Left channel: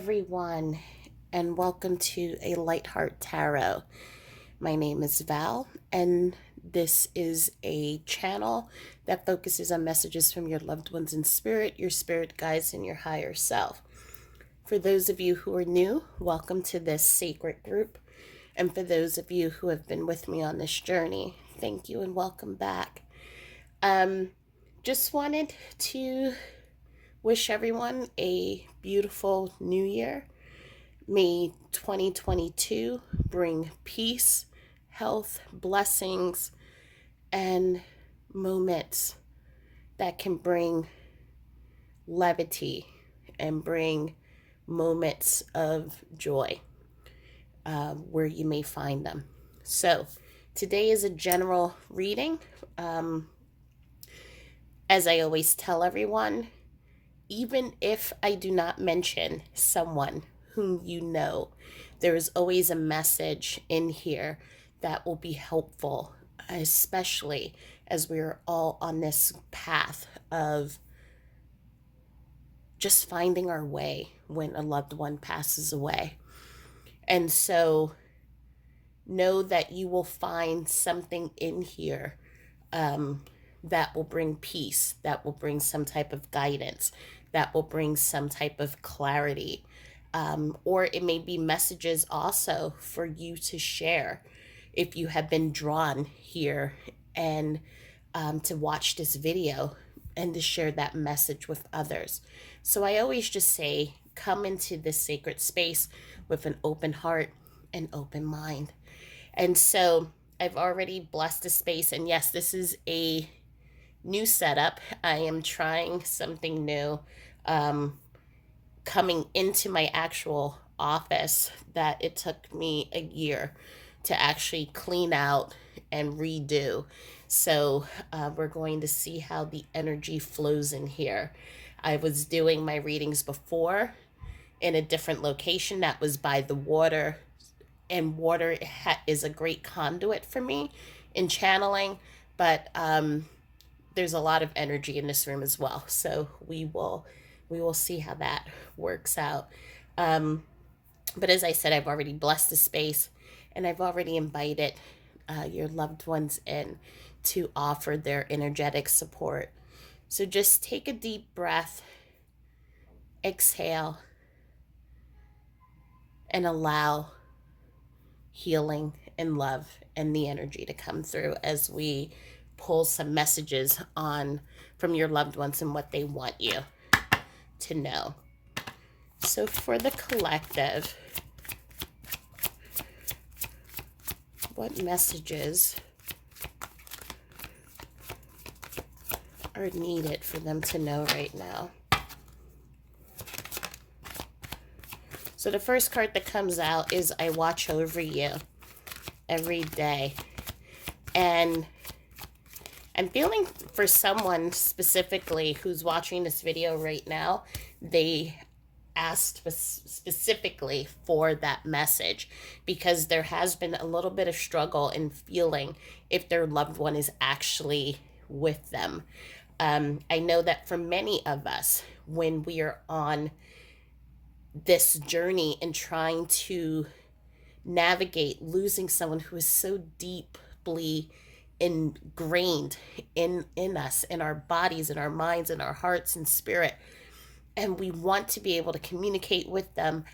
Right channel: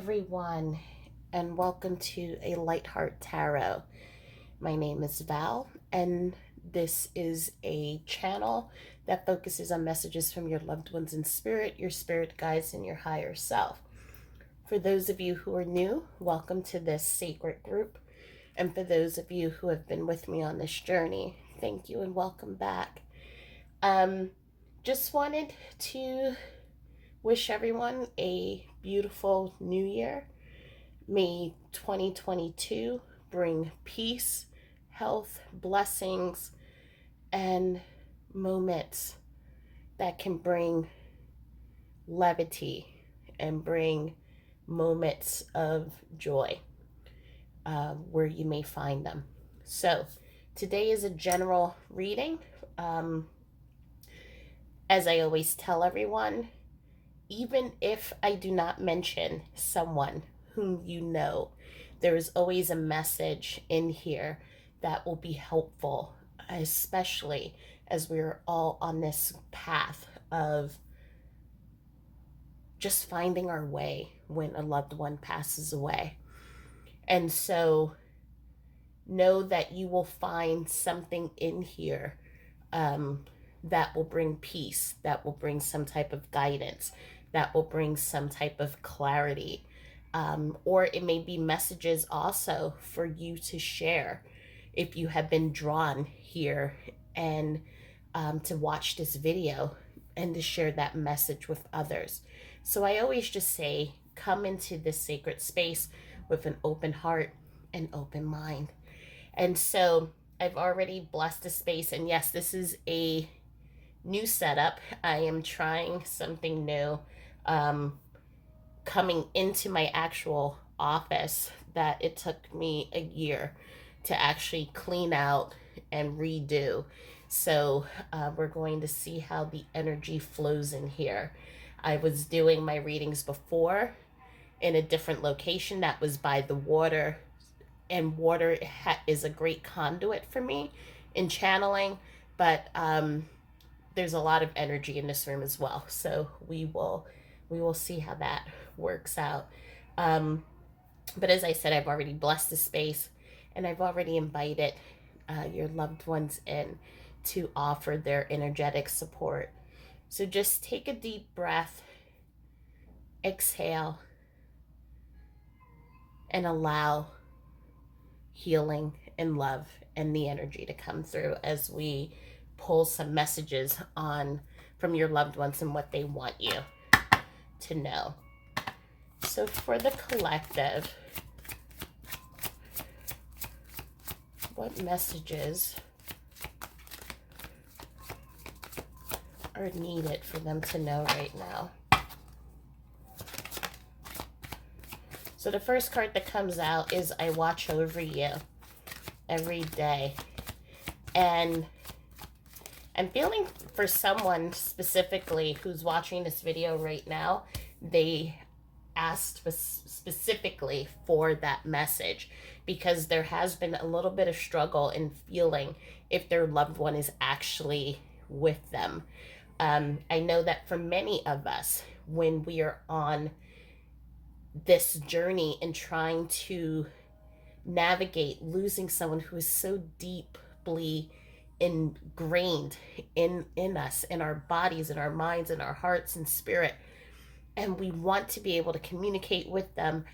everyone, and welcome to A Lightheart Tarot. My name is Val, and this is a channel that focuses on messages from your loved ones in spirit, your spirit guides, and your higher self. For those of you who are new, welcome to this sacred group. And for those of you who have been with me on this journey, thank you and welcome back. Just wanted to wish everyone a beautiful new year. May 2022 bring peace, health, blessings, and moments that can bring levity and bring moments of joy where you may find them. So, today is a general reading. As I always tell everyone, even if I do not mention someone whom you know, there is always a message in here that will be helpful, especially as we're all on this path of just finding our way when a loved one passes away. And so know that you will find something in here that will bring peace, that will bring some type of guidance, that will bring some type of clarity. Or it may be messages also for you to share if you have been drawn here and to watch this video and to share that message with others. So I always just say, come into this sacred space with an open heart and open mind. And so I've already blessed the space. And yes, this is a new setup. I am trying something new. Coming into my actual office that it took me a year to actually clean out and redo. So we're going to see how the energy flows in here. I was doing my readings before in a different location that was by the water, and water is a great conduit for me in channeling, but there's a lot of energy in this room as well. So we will see how that works out. But as I said, I've already blessed the space, and I've already invited your loved ones in to offer their energetic support. So just take a deep breath, exhale, and allow healing and love and the energy to come through as we pull some messages on from your loved ones and what they want you to know. So for the collective, what messages are needed for them to know right now? So the first card that comes out is I watch over you every day. And I'm feeling for someone specifically who's watching this video right now, they asked specifically for that message because there has been a little bit of struggle in feeling if their loved one is actually with them. I know that for many of us, when we are on this journey and trying to navigate losing someone who is so deeply ingrained in us, in our bodies, in our minds, in our hearts and spirit, and we want to be able to communicate with them,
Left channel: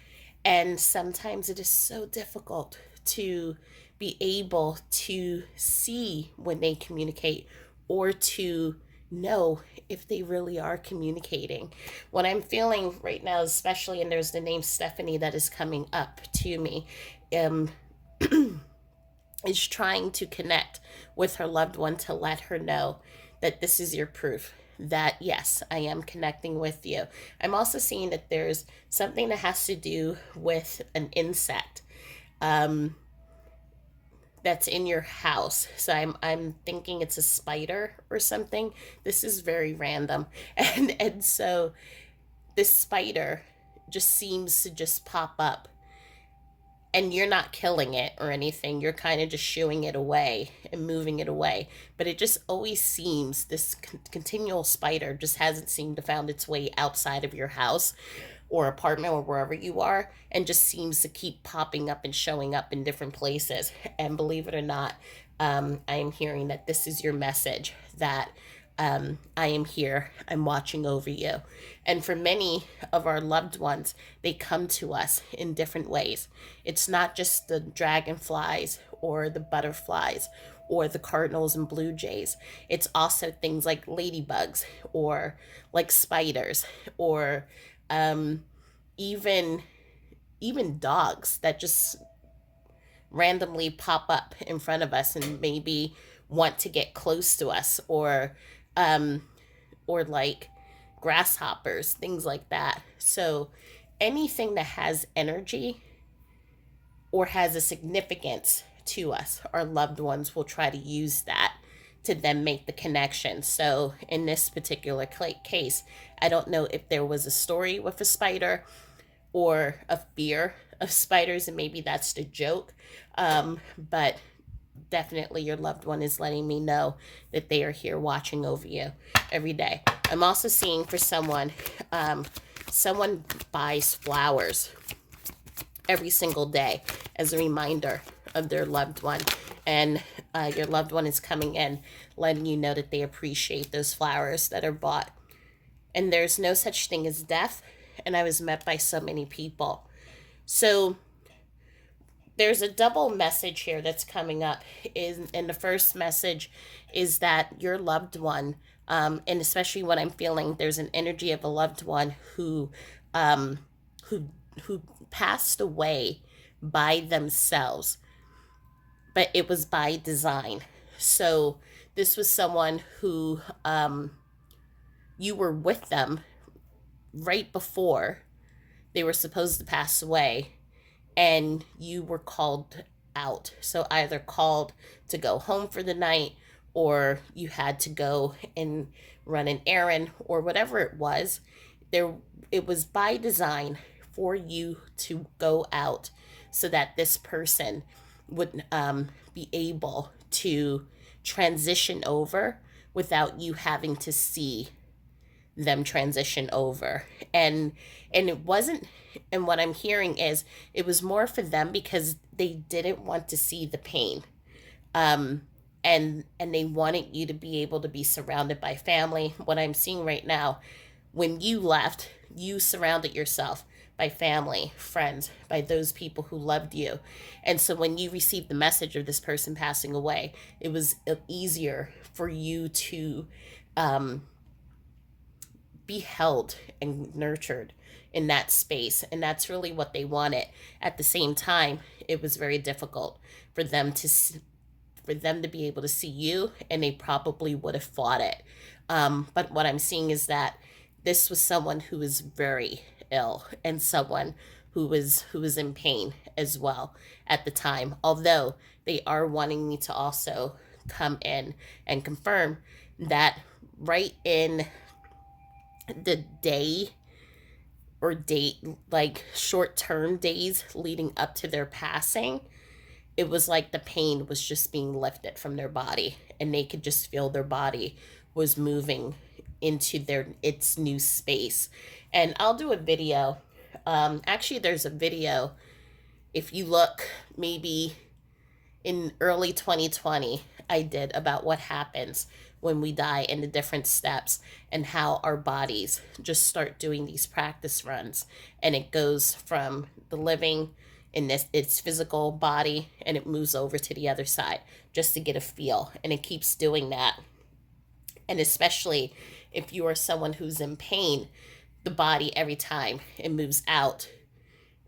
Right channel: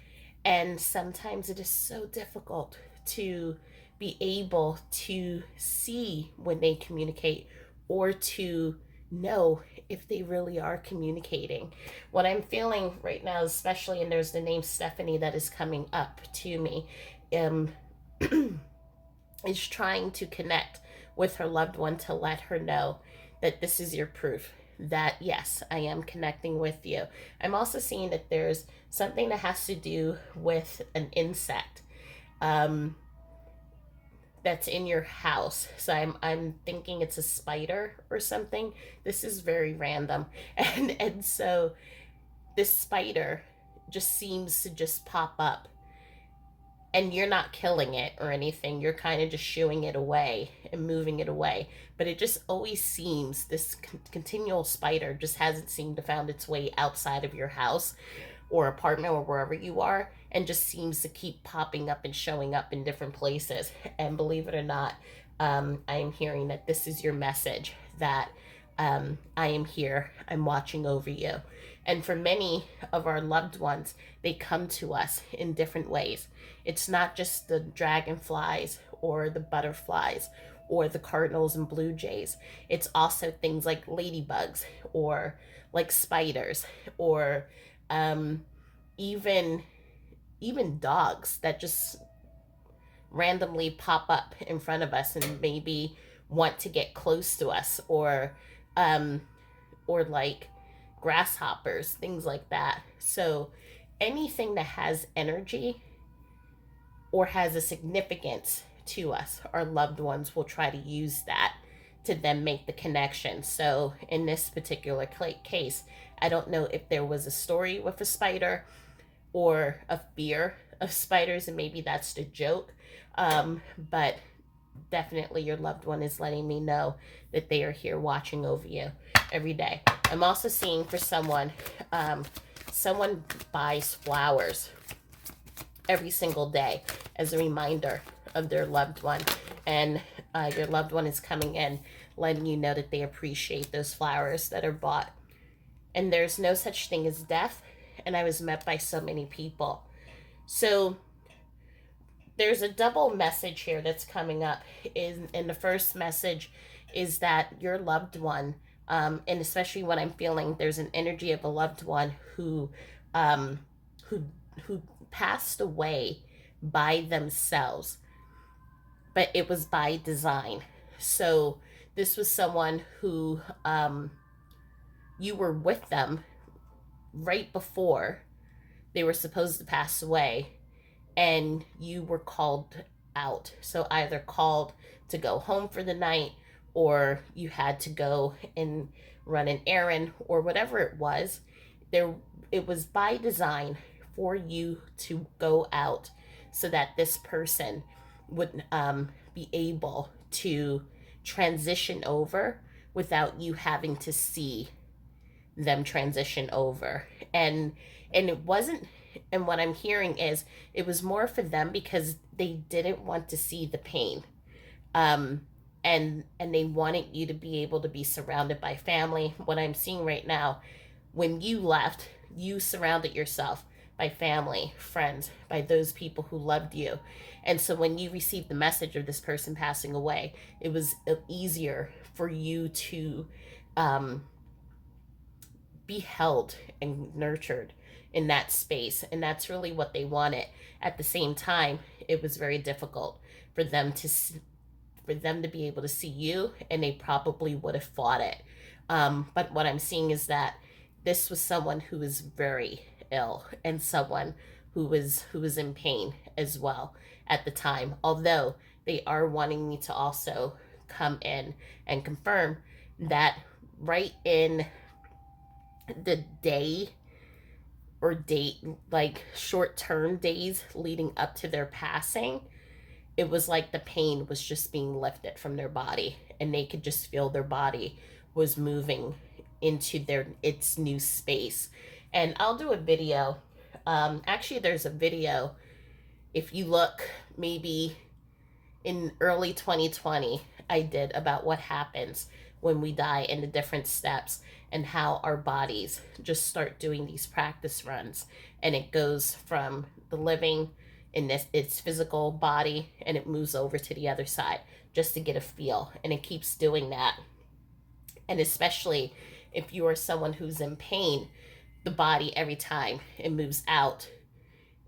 and sometimes it is so difficult to be able to see when they communicate or to know if they really are communicating. What I'm feeling right now, especially, and there's the name Stephanie that is coming up to me, is trying to connect with her loved one to let her know that this is your proof that yes, I am connecting with you. I'm also seeing that there's something that has to do with an insect that's in your house. So I'm thinking it's a spider or something. This is very random. And so this spider just seems to just pop up, and you're not killing it or anything. You're kind of just shooing it away and moving it away. But it just always seems, this continual spider just hasn't seemed to found its way outside of your house. or apartment or wherever you are, and just seems to keep popping up and showing up in different places. And believe it or not, I am hearing that this is your message, that I am here, I'm watching over you. And for many of our loved ones, they come to us in different ways. It's not just the dragonflies or the butterflies or the cardinals and blue jays. It's also things like ladybugs or like spiders, or um, even even dogs that just randomly pop up in front of us and maybe want to get close to us, um, or like grasshoppers, things like that. So anything that has energy or has a significance to us, our loved ones will try to use that to then make the connection. So in this particular case, I don't know if there was a story with a spider or a fear of spiders, and maybe that's the joke. But definitely your loved one is letting me know that they are here watching over you every day. I'm also seeing for someone, someone buys flowers every single day as a reminder of their loved one. And your loved one is coming in, letting you know that they appreciate those flowers that are bought. And there's no such thing as death. And I was met by so many people. So there's a double message here that's coming up. In the first message is that your loved one, and especially when I'm feeling there's an energy of a loved one um, who who passed away by themselves, but it was by design. So this was someone who you were with them right before they were supposed to pass away, and you were called out. So either called to go home for the night, or you had to go and run an errand, or whatever it was. There, it was by design for you to go out so that this person would be able to transition over without you having to see them transition over. And it wasn't, and what I'm hearing is it was more for them because they didn't want to see the pain. um and they wanted you to be able to be surrounded by family. What I'm seeing right now, when you left, you surrounded yourself by family, friends, by those people who loved you. And so when you received the message of this person passing away, it was easier for you to um be held and nurtured in that space. And that's really what they wanted. At the same time, it was very difficult for them to be able to see you, and they probably would have fought it. But what I'm seeing is that this was someone who was very ill, and someone who was in pain as well at the time. Although they are wanting me to also come in and confirm that right in the day or date, like short term days leading up to their passing, it was like the pain was just being lifted from their body, and they could just feel their body was moving into its new space. And I'll do a video. Actually, there's a video, if you look, maybe in early 2020, I did about what happens when we die and the different steps, and how our bodies just start doing these practice runs, and it goes from the living in this its physical body, and it moves over to the other side just to get a feel, and it keeps doing that. And especially if you are someone who's in pain, the body, every time it moves out,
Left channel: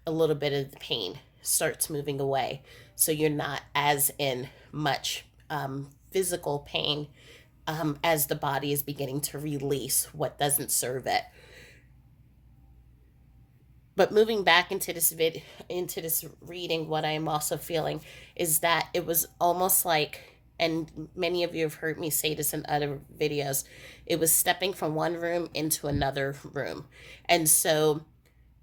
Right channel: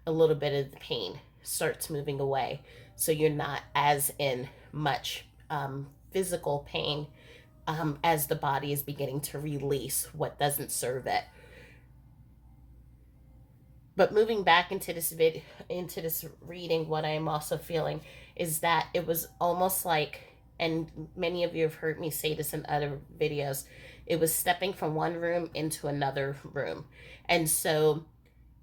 a little bit of the pain starts moving away, so you're not as in much physical pain, as the body is beginning to release what doesn't serve it. But moving back into into this reading, what I am also feeling is that it was almost like, and many of you have heard me say this in other videos, it was stepping from one room into another room. And so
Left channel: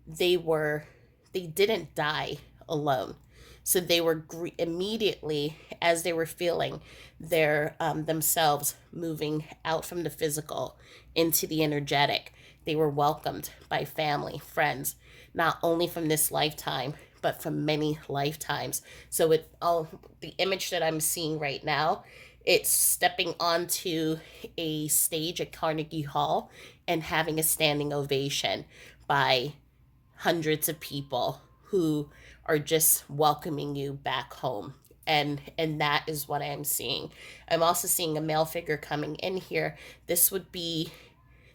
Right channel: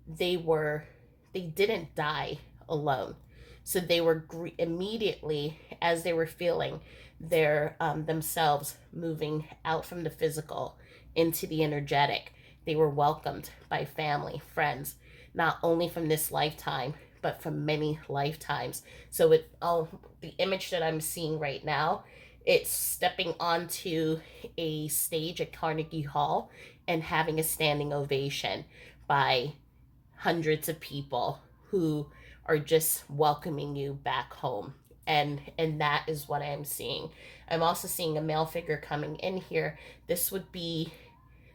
they were they didn't die alone. So they were immediately, as they were feeling their themselves moving out from the physical into the energetic, they were welcomed by family, friends, not only from this lifetime, but from many lifetimes. So the image that I'm seeing right now, it's stepping onto a stage at Carnegie Hall and having a standing ovation by hundreds of people who are just welcoming you back home. And that is what I am seeing. I'm also seeing a male figure coming in here. This would be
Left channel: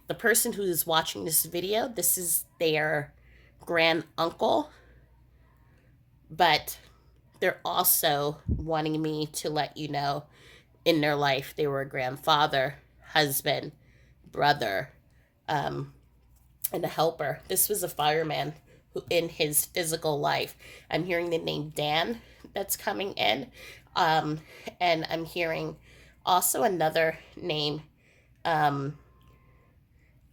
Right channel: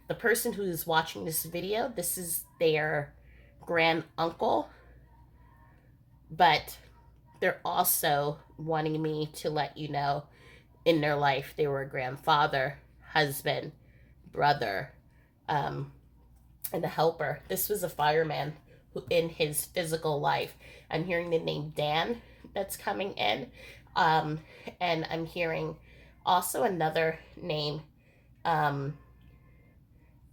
the person who is watching this video. This is their grand uncle, but they're also wanting me to let you know in their life they were a grandfather, husband, brother, um, and a helper. This was a fireman who, in his physical life, I'm hearing the name Dan that's coming in, um, and I'm hearing also another name, um,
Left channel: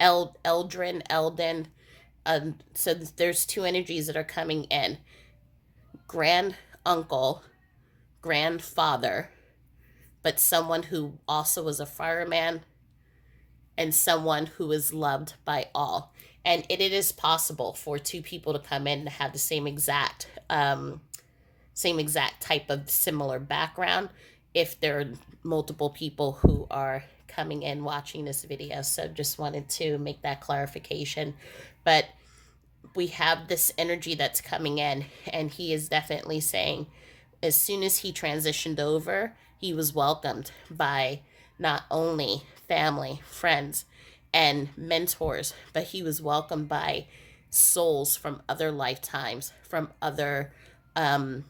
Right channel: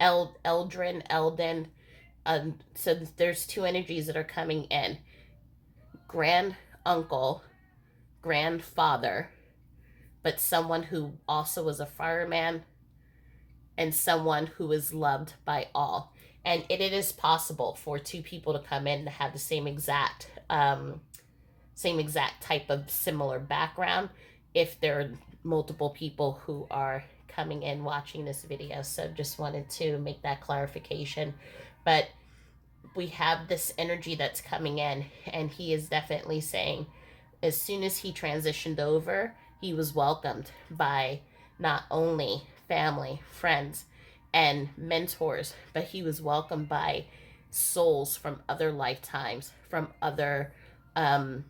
Eldrin. So there's two energies that are coming in: grand uncle, grandfather, but someone who also was a fireman and someone who is loved by all. And it is possible for two people to come in and have the same exact type of similar background if there are multiple people who are coming in watching this video. So just wanted to make that clarification. But we have this energy that's coming in, and he is definitely saying as soon as he transitioned over, he was welcomed by not only family, friends, and mentors, but he was welcomed by souls from other lifetimes, from other, um,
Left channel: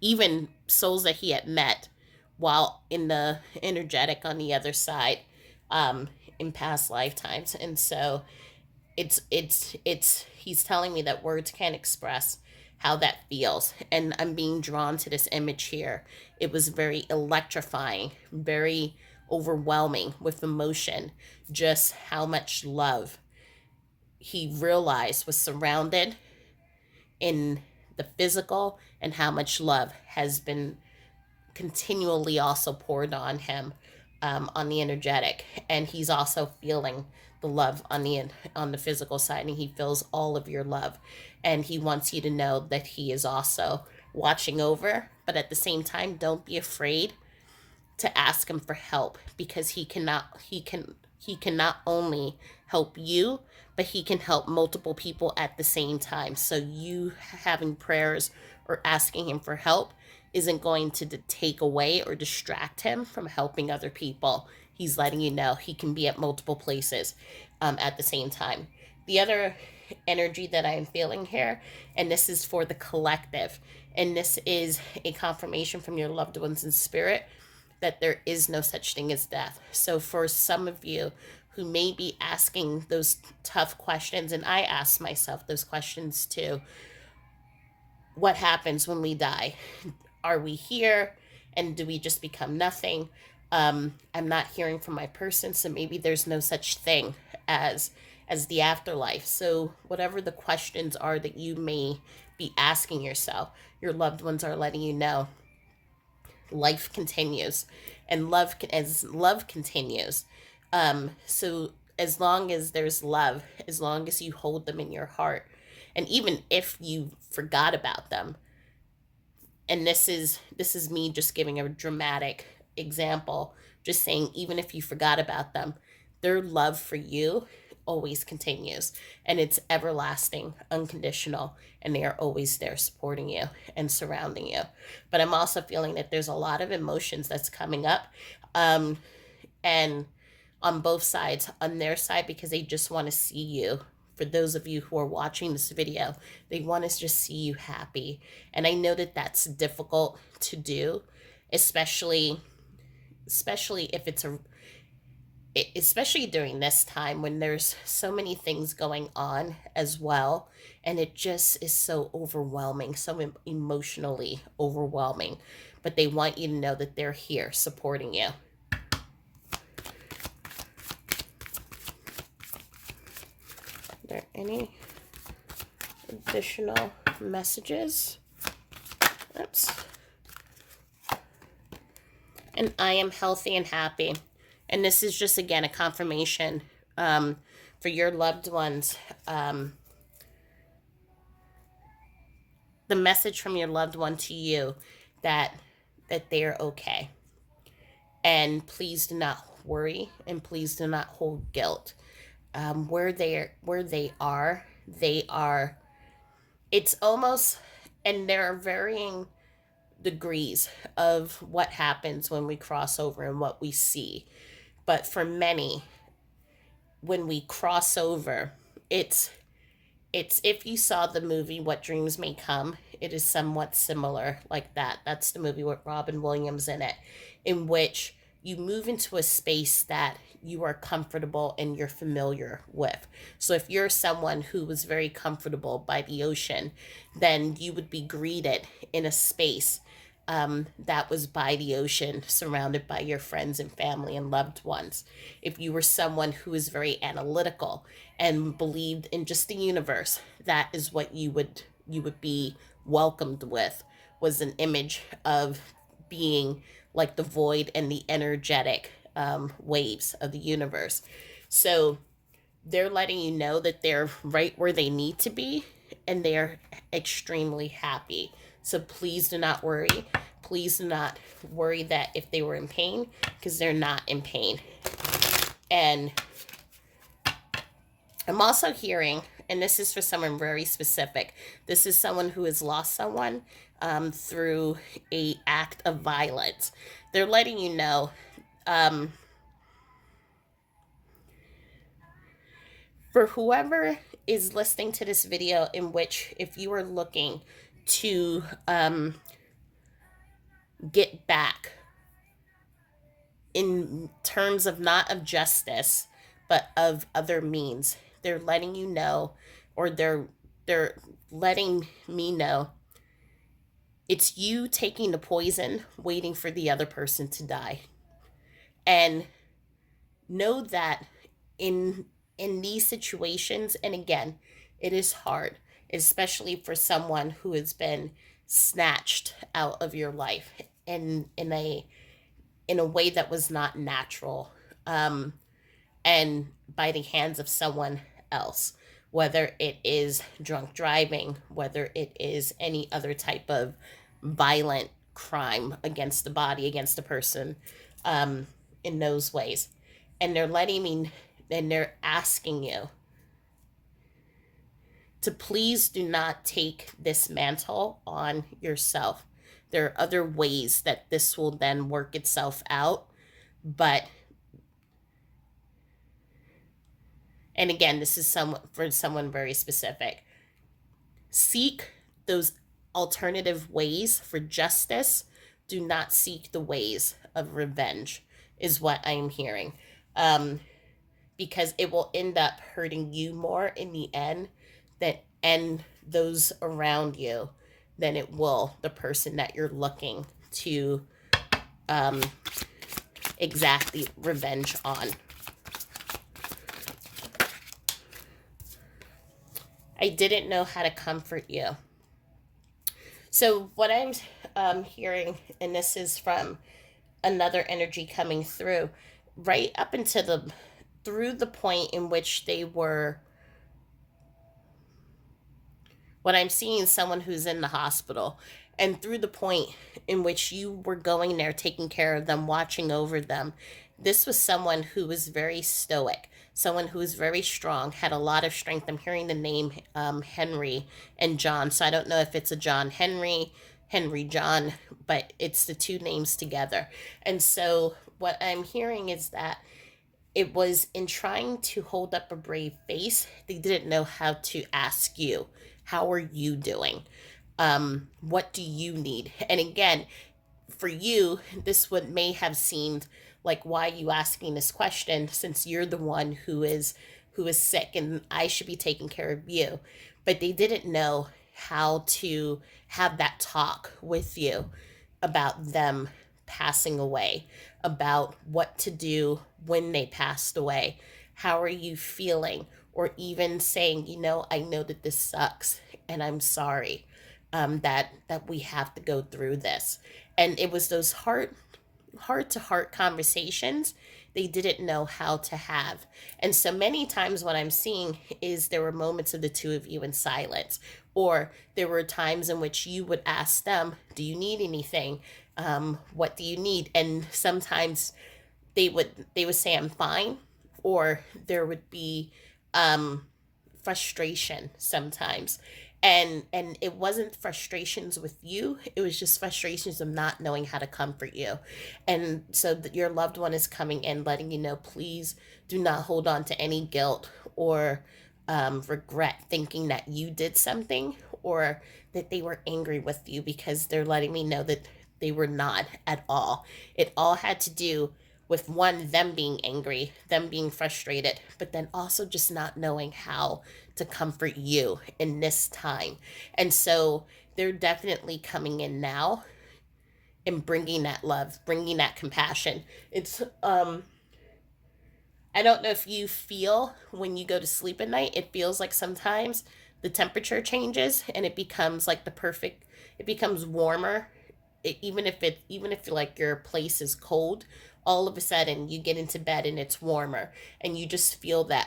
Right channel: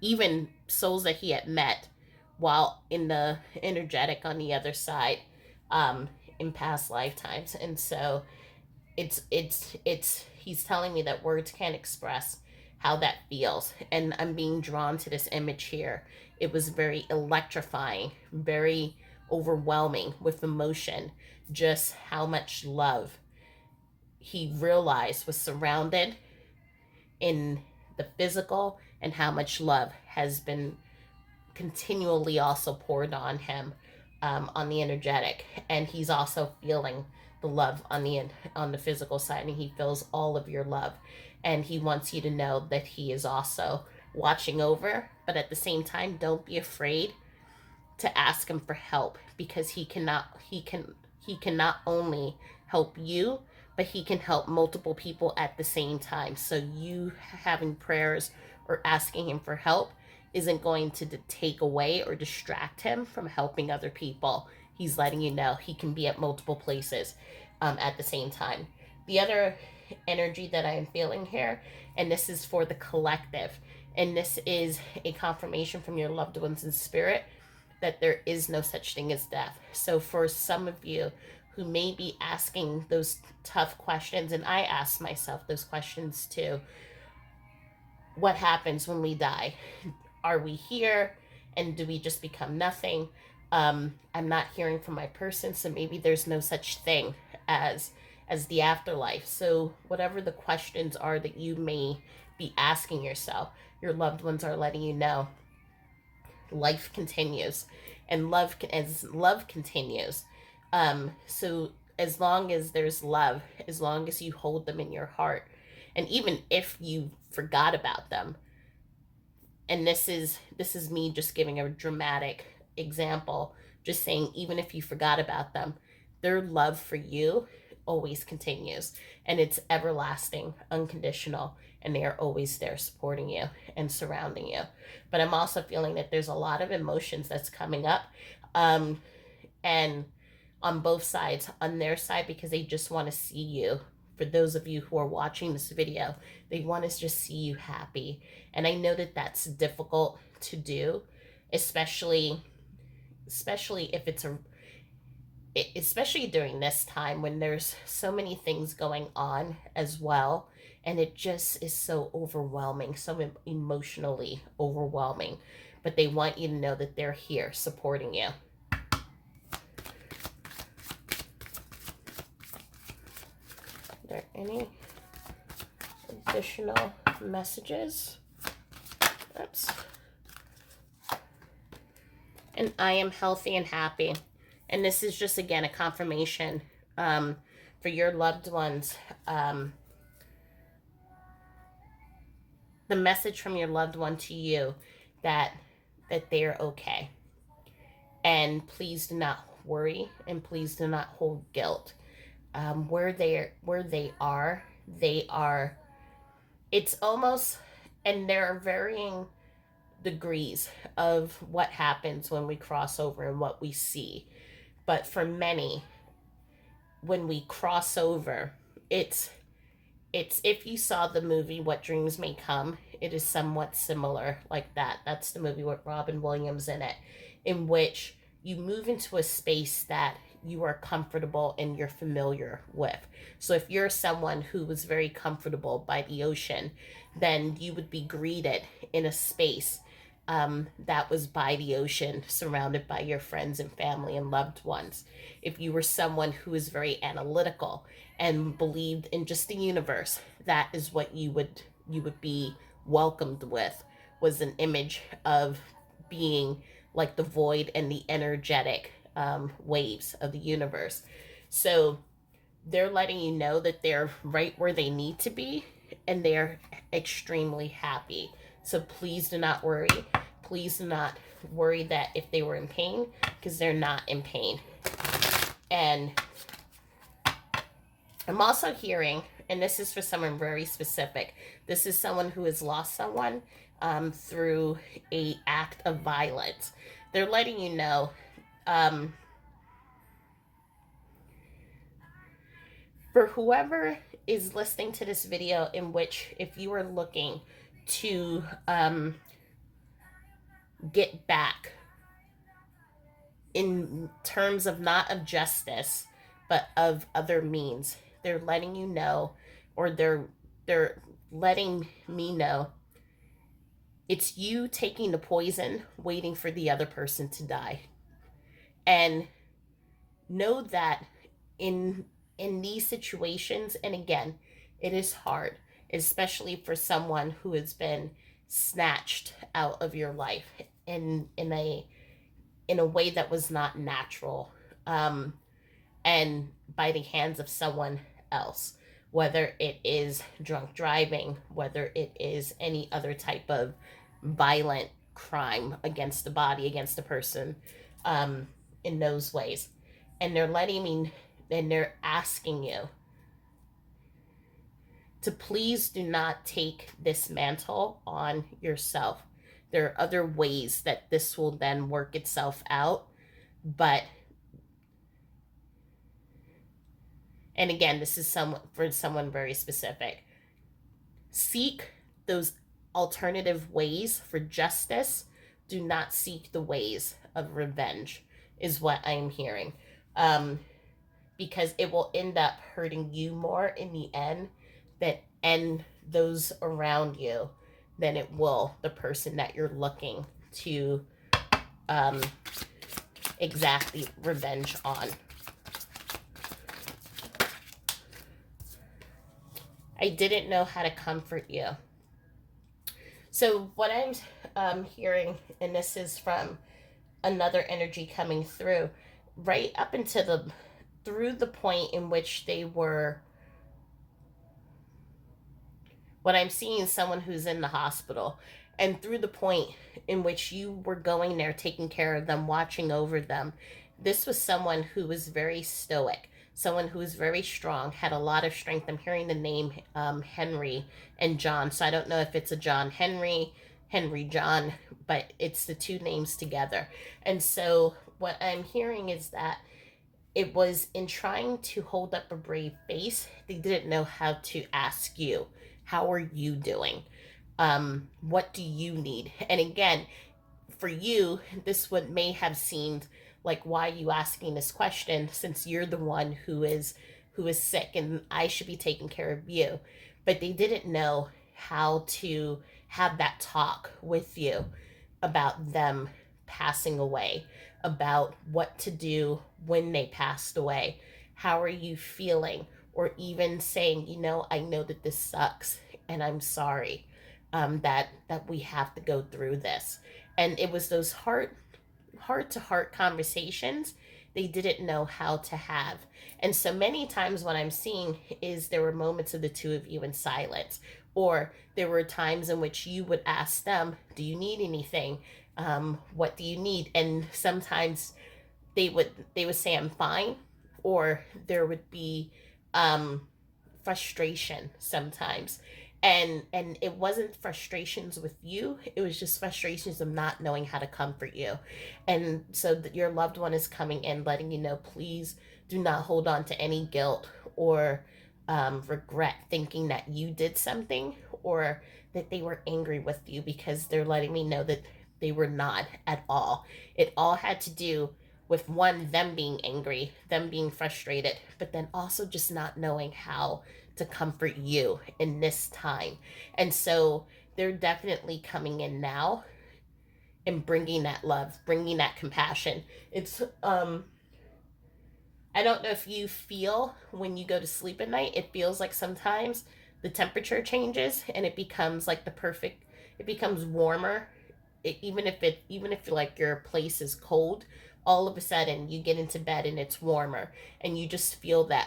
even souls that he had met while in the energetic on the other side, in past lifetimes. And so it's he's telling me that words can't express how that feels, and I'm being drawn to this image here. It was very electrifying, very overwhelming with emotion, just how much love he realized was surrounded in the physical, and how much love has been continually also poured on him, on the energetic. And he's also feeling the love on the physical side, and he feels all of your love, and he wants you to know that he is also watching over. But at the same time, don't be afraid to ask him for help, because he can not only help you, but he can help multiple people at the same time. So you having prayers or asking him for help isn't going to take away or distract him from helping other people. He's letting you know he can be at multiple places, at the same time. The other energy that I am feeling here, and this is for the collective, and this is a confirmation from your loved ones in spirit that there is no such thing as death. So for some of you who may be asking those tough questions, and I ask myself those questions too: what happens when we die? Are we here and do we just become nothing? I'm not hearing from my person, so maybe there's no such thing as the afterlife. So whatever the questions are that you may be asking yourself, your loved ones are letting you know life continues, and love continues. So as long as there's love, as long as you hold them in your heart, and even if you forgot about them, and this is me just giving a dramatic example, just saying, even if you forgot about them, their love for you always continues, and it's everlasting, unconditional, and they are always there supporting you and surrounding you. But I'm also feeling that there's a lot of emotions that's coming up, and on both sides, on their side, because they just want to see you. For those of you who are watching this video, they want to just see you happy. And I know that that's difficult to do, especially if it's especially during this time when there's so many things going on as well, and it just is so overwhelming, so emotionally overwhelming. But they want you to know that they're here supporting you. Are there any additional messages? Oops. And I am healthy and happy. And this is just, again, a confirmation um, for your loved ones, um, the message from your loved one to you that they're okay. And please do not worry, and please do not hold guilt. They are. It's almost, and there are varying degrees of what happens when we cross over and what we see. But for many, when we cross over, it's if you saw the movie What Dreams May Come, it is somewhat similar like that. That's the movie with Robin Williams in it, in which you move into a space that you are comfortable and you're familiar with. So if you're someone who was very comfortable by the ocean, then you would be greeted in a space that was by the ocean, surrounded by your friends and family and loved ones. If you were someone who was very analytical and believed in just the universe, that is what you would be welcomed with, was an image of being like the void and the energetic waves of the universe. So they're letting you know that they're right where they need to be, and they're extremely happy. So please do not worry. Please do not worry that if they were in pain, because they're not in pain. And I'm also hearing, and this is for someone very specific, this is someone who has lost someone through a act of violence. They're letting you know, um, for whoever is listening to this video, in which if you are looking to get back in terms of not of justice but of other means, they're letting you know, or they're letting me know, it's you taking the poison waiting for the other person to die. And know that in these situations, and again, it is hard, especially for someone who has been snatched out of your life in a way that was not natural, um, and by the hands of someone else, whether it is drunk driving, whether it is any other type of violent crime against the body, against a person, um, in those ways. And they're letting me, and they're asking you to please do not take this mantle on yourself. There are other ways that this will then work itself out. But, and again, this is for someone very specific. Seek those alternative ways for justice. Do not seek the ways of revenge, is what I'm hearing. Because it will end up hurting you more in the end, and those around you, than it will the person that you're looking to um, exact the revenge on. I didn't know how to comfort you. So what I'm hearing, and this is from another energy coming through, right up into through the point in which they were, what I'm seeing is someone who's in the hospital, and through the point in which you were going there, taking care of them, watching over them. This was someone who was very stoic, someone who was very strong, had a lot of strength. I'm hearing the name Henry and John, so I don't know if it's a John Henry, Henry John, but it's the two names together. And so what I'm hearing is that it was in trying to hold up a brave face, they didn't know how to ask you, how are you doing? What do you need? And again, for you, this would may have seemed like, why are you asking this question, since you're the one who is sick and I should be taking care of you. But they didn't know how to have that talk with you about them passing away, about what to do when they passed away. How are you feeling? Or even saying, I know that this sucks and I'm sorry, that we have to go through this. And it was those heart to heart conversations they didn't know how to have. And so many times what I'm seeing is there were moments of the two of you in silence, or there were times in which you would ask them, do you need anything? What do you need? And sometimes they would say I'm fine, or there would be um frustration sometimes. And it wasn't frustrations with you, it was just frustrations of not knowing how to comfort you. And so that your loved one is coming in letting you know, please do not hold on to any guilt or regret thinking that you did something, or that they were angry with you, because they're letting me know that they were not at all. It all had to do with, one, them being angry, them being frustrated, but then also just not knowing how to comfort you in this time. And so they're definitely coming in now and bringing that love, bringing that compassion. It's I don't know if you feel when you go to sleep at night, it feels like sometimes the temperature changes and it becomes like the perfect, it becomes warmer. Even if like your place is cold, all of a sudden you get into bed and it's warmer, and you just feel that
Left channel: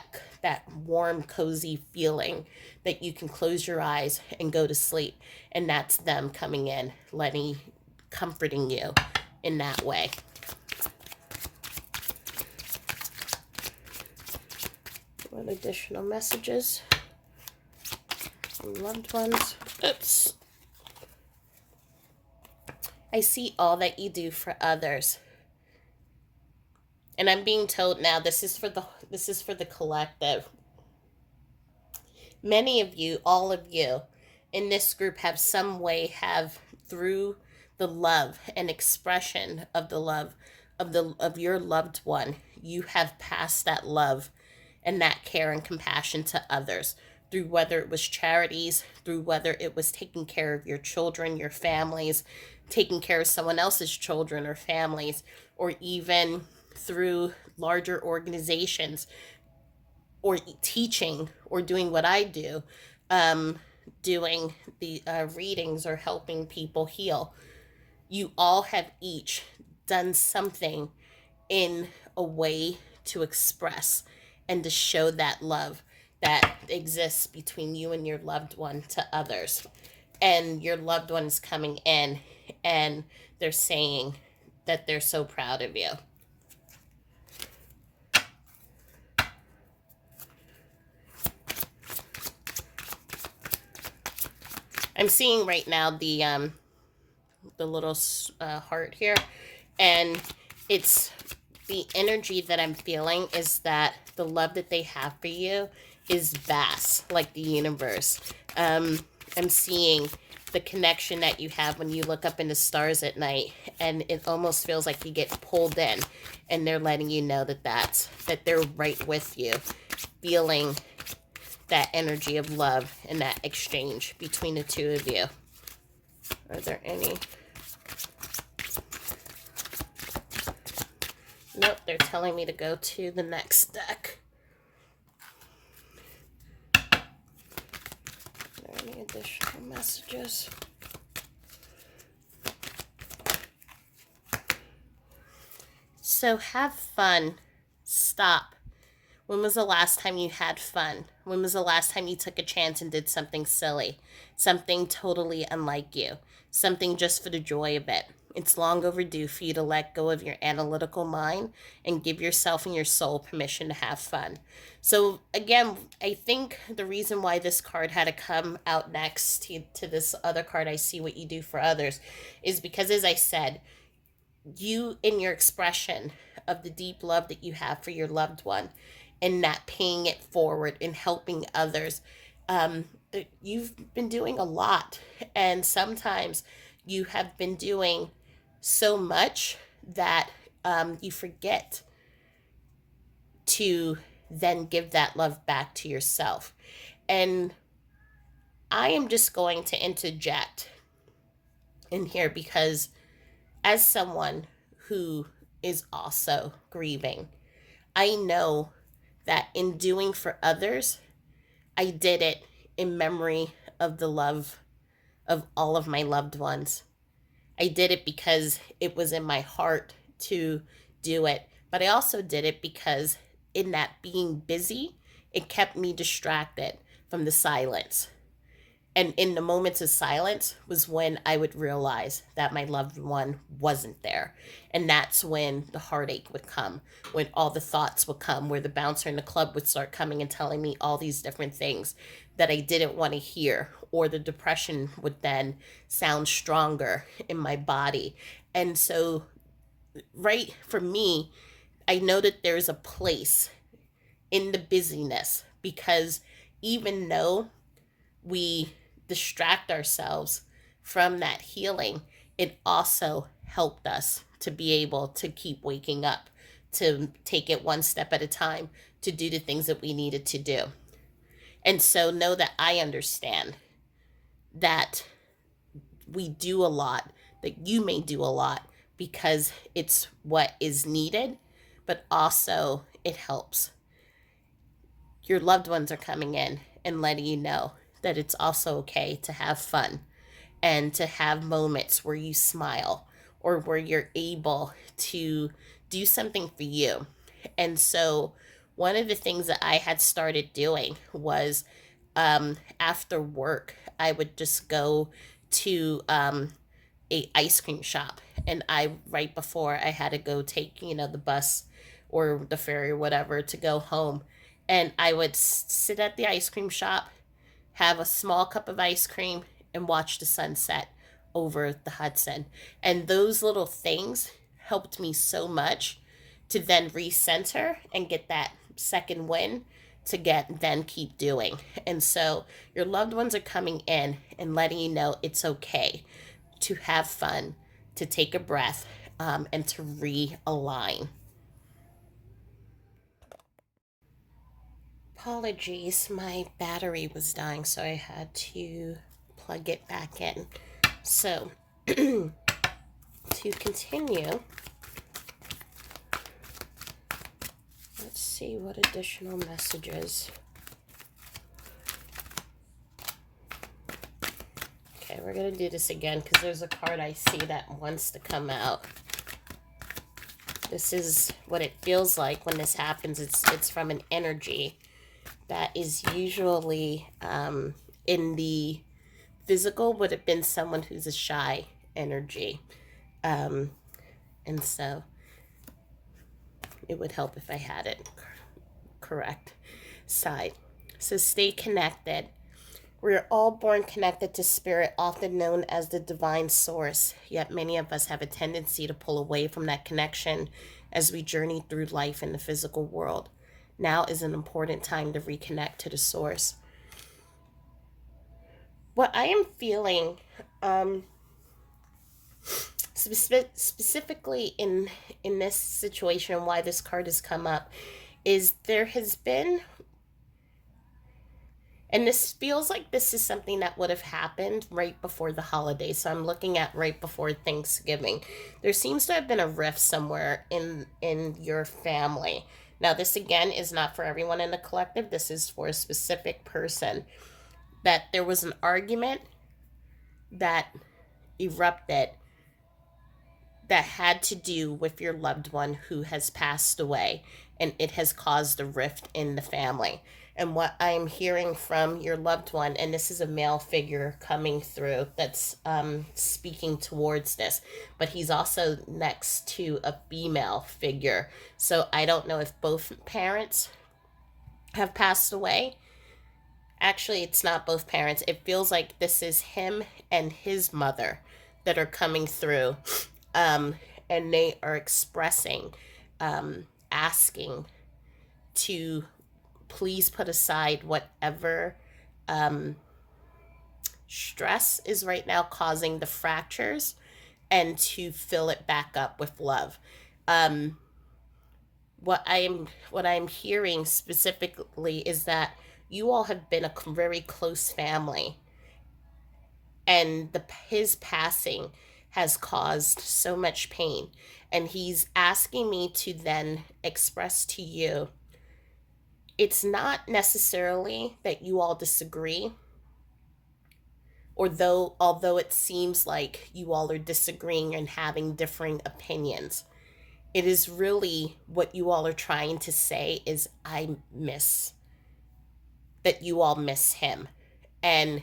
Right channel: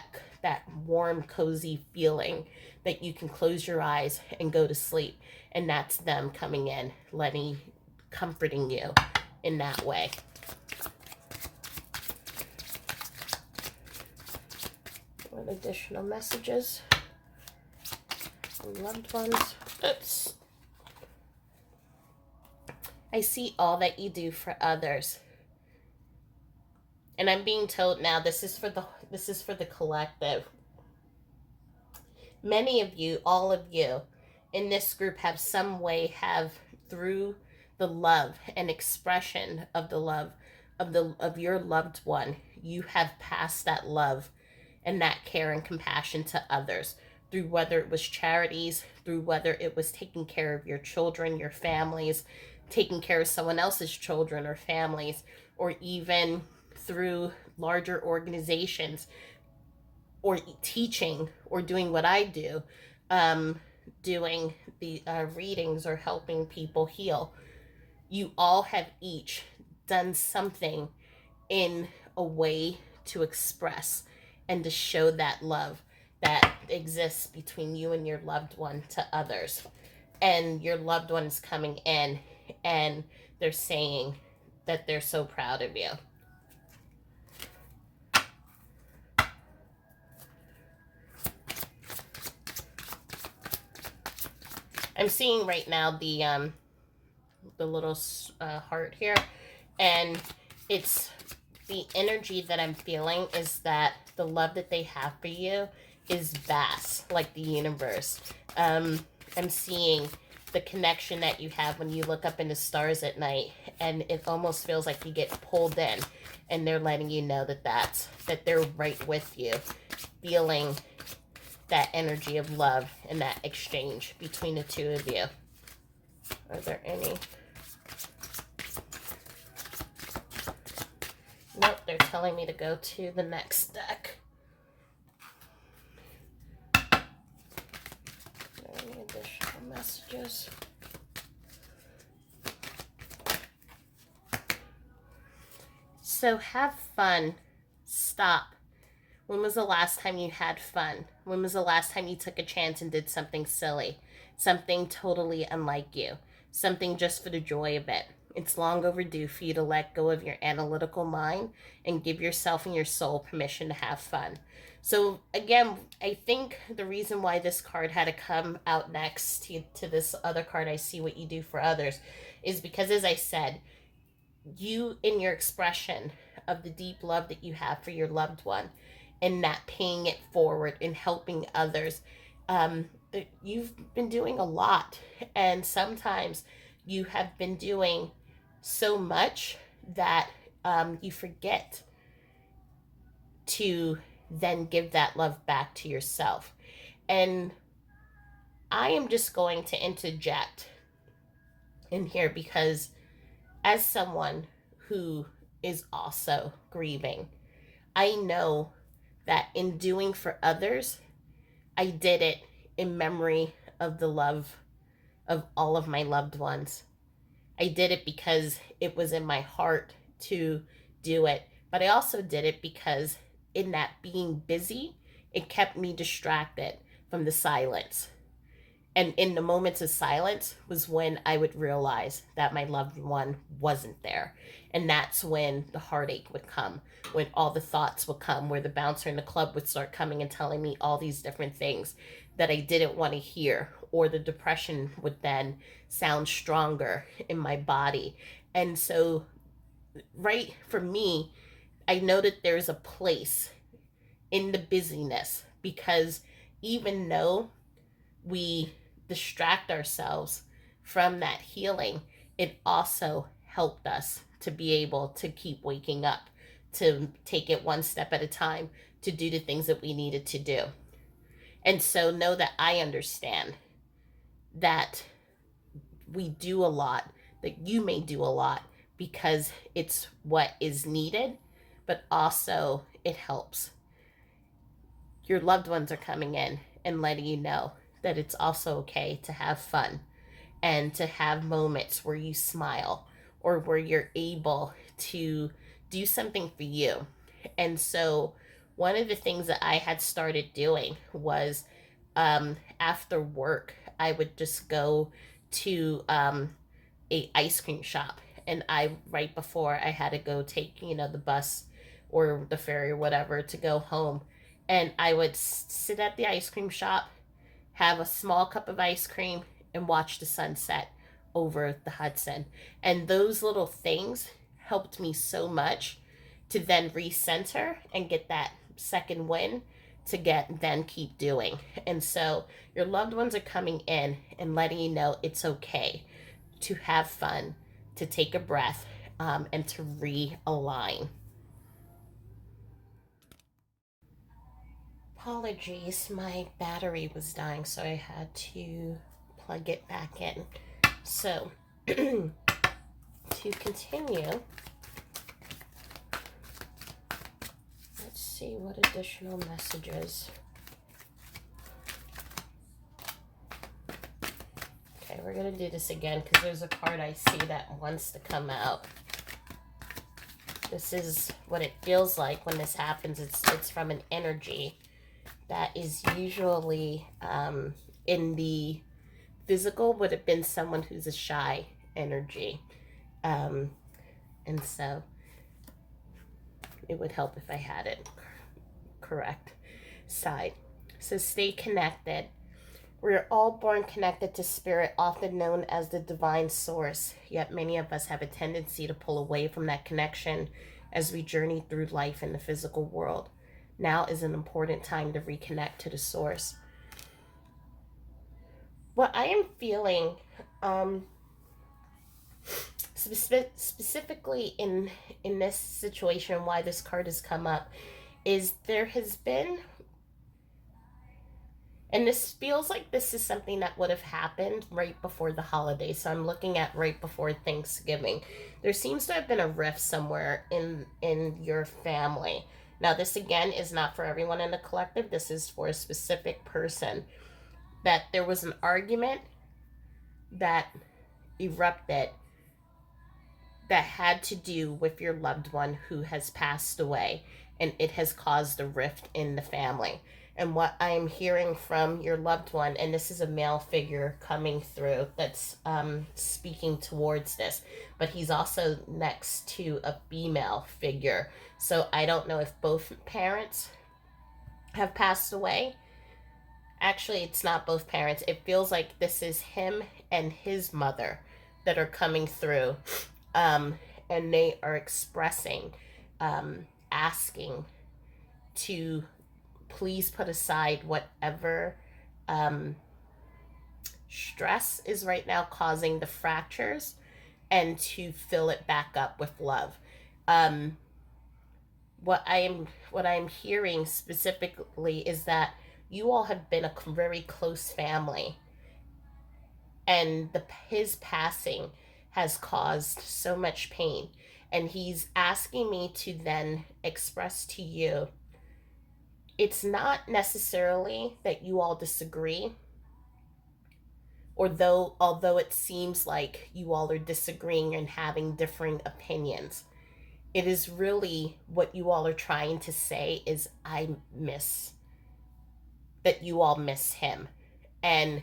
warm, cozy feeling that you can close your eyes and go to sleep. And that's them coming in, letting, comforting you in that way. With additional messages from loved ones. Oops. I see all that you do for others. And I'm being told now, this is for the collective. Many of you, all of you in this group have some way, have, through the love and expression of the love of your loved one, you have passed that love and that care and compassion to others, through whether it was charities, through whether it was taking care of your children, your families, taking care of someone else's children or families, or even through larger organizations, or teaching, or doing what I do, doing the readings or helping people heal. You all have each done something in a way to express and to show that love that exists between you and your loved one to others. And your loved one is coming in and they're saying that they're so proud of you. I'm seeing right now the little heart here, and it's the energy that I'm feeling is that the love that they have for you is vast, like the universe. I'm seeing the connection that you have when you look up in the stars at night, and it almost feels like you get pulled in, and they're letting you know that they're right with you, feeling that energy of love and that exchange between the two of you. Are there any? Nope, they're telling me to go to the next deck. Are there any additional messages? So have fun. Stop. When was the last time you had fun? When was the last time you took a chance and did something silly? Something totally unlike you? Something just for the joy of it? It's long overdue for you to let go of your analytical mind and give yourself and your soul permission to have fun. So again, I think the reason why this card had to come out next to this other card, I see what you do for others, is because, as I said, you, in your expression of the deep love that you have for your loved one, and that paying it forward and helping others, you've been doing a lot. And sometimes you have been doing so much that you forget to then give that love back to yourself. And I am just going to interject in here because, as someone who is also grieving, I know that in doing for others, I did it in memory of the love of all of my loved ones. I did it because it was in my heart to do it But I also did it because in that being busy, it kept me distracted from the silence. And in the moments of silence was when I would realize that my loved one wasn't there. And that's when the heartache would come, when all the thoughts would come, where the bouncer in the club would start coming and telling me all these different things that I didn't want to hear, or the depression would then sound stronger in my body. And so, right, for me, I know that there's a place in the busyness, because even though we distract ourselves from that healing, it also helped us to be able to keep waking up, to take it one step at a time, to do the things that we needed to do. And so know that I understand that we do a lot, that you may do a lot because it's what is needed, but also it helps. Your loved ones are coming in and letting you know that it's also okay to have fun and to have moments where you smile or where you're able to do something for you. And so, one of the things that I had started doing was, after work, I would just go to a ice cream shop, and I, right before I had to go take, the bus or the ferry or whatever to go home, and I would sit at the ice cream shop, have a small cup of ice cream, and watch the sunset over the Hudson. And those little things helped me so much to then recenter and get that second win, to get then keep doing. And so your loved ones are coming in and letting you know it's okay to have fun, to take a breath, and to realign. Apologies, my battery was dying, so I had to plug it back in. So, to continue, let's see what additional messages. Okay, we're going to do this again because there's a card I see that wants to come out. This is what it feels like when this happens. It's from an energy that is usually, in the physical, would have been someone who's a shy energy. Um, and so it would help if I had it correct side. So stay connected. We're all born connected to spirit, often known as the divine source. Yet many of us have a tendency to pull away from that connection as we journey through life in the physical world. Now is an important time to reconnect to the source. What I am feeling, specifically in this situation, why this card has come up, is there has been, and this feels like this is something that would have happened right before the holidays. So I'm looking at right before Thanksgiving. There seems to have been a rift somewhere in your family. Now, this again is not for everyone in the collective. This is for a specific person. That there was an argument that erupted that had to do with your loved one who has passed away, and it has caused a rift in the family. And what I'm hearing from your loved one, and this is a male figure coming through that's, speaking towards this, but he's also next to a female figure. So I don't know if both parents have passed away. Actually, it's not both parents. It feels like this is him and his mother that are coming through, um, and they are expressing, asking to please put aside whatever, um, stress is right now causing the fractures, and to fill it back up with love. Um, what I'm hearing specifically is that you all have been a very close family, and his passing has caused so much pain, and he's asking me to then express to you, it's not necessarily that you all disagree, or though although it seems like you all are disagreeing and having differing opinions, it is really what you all are trying to say is I miss that you all miss him. And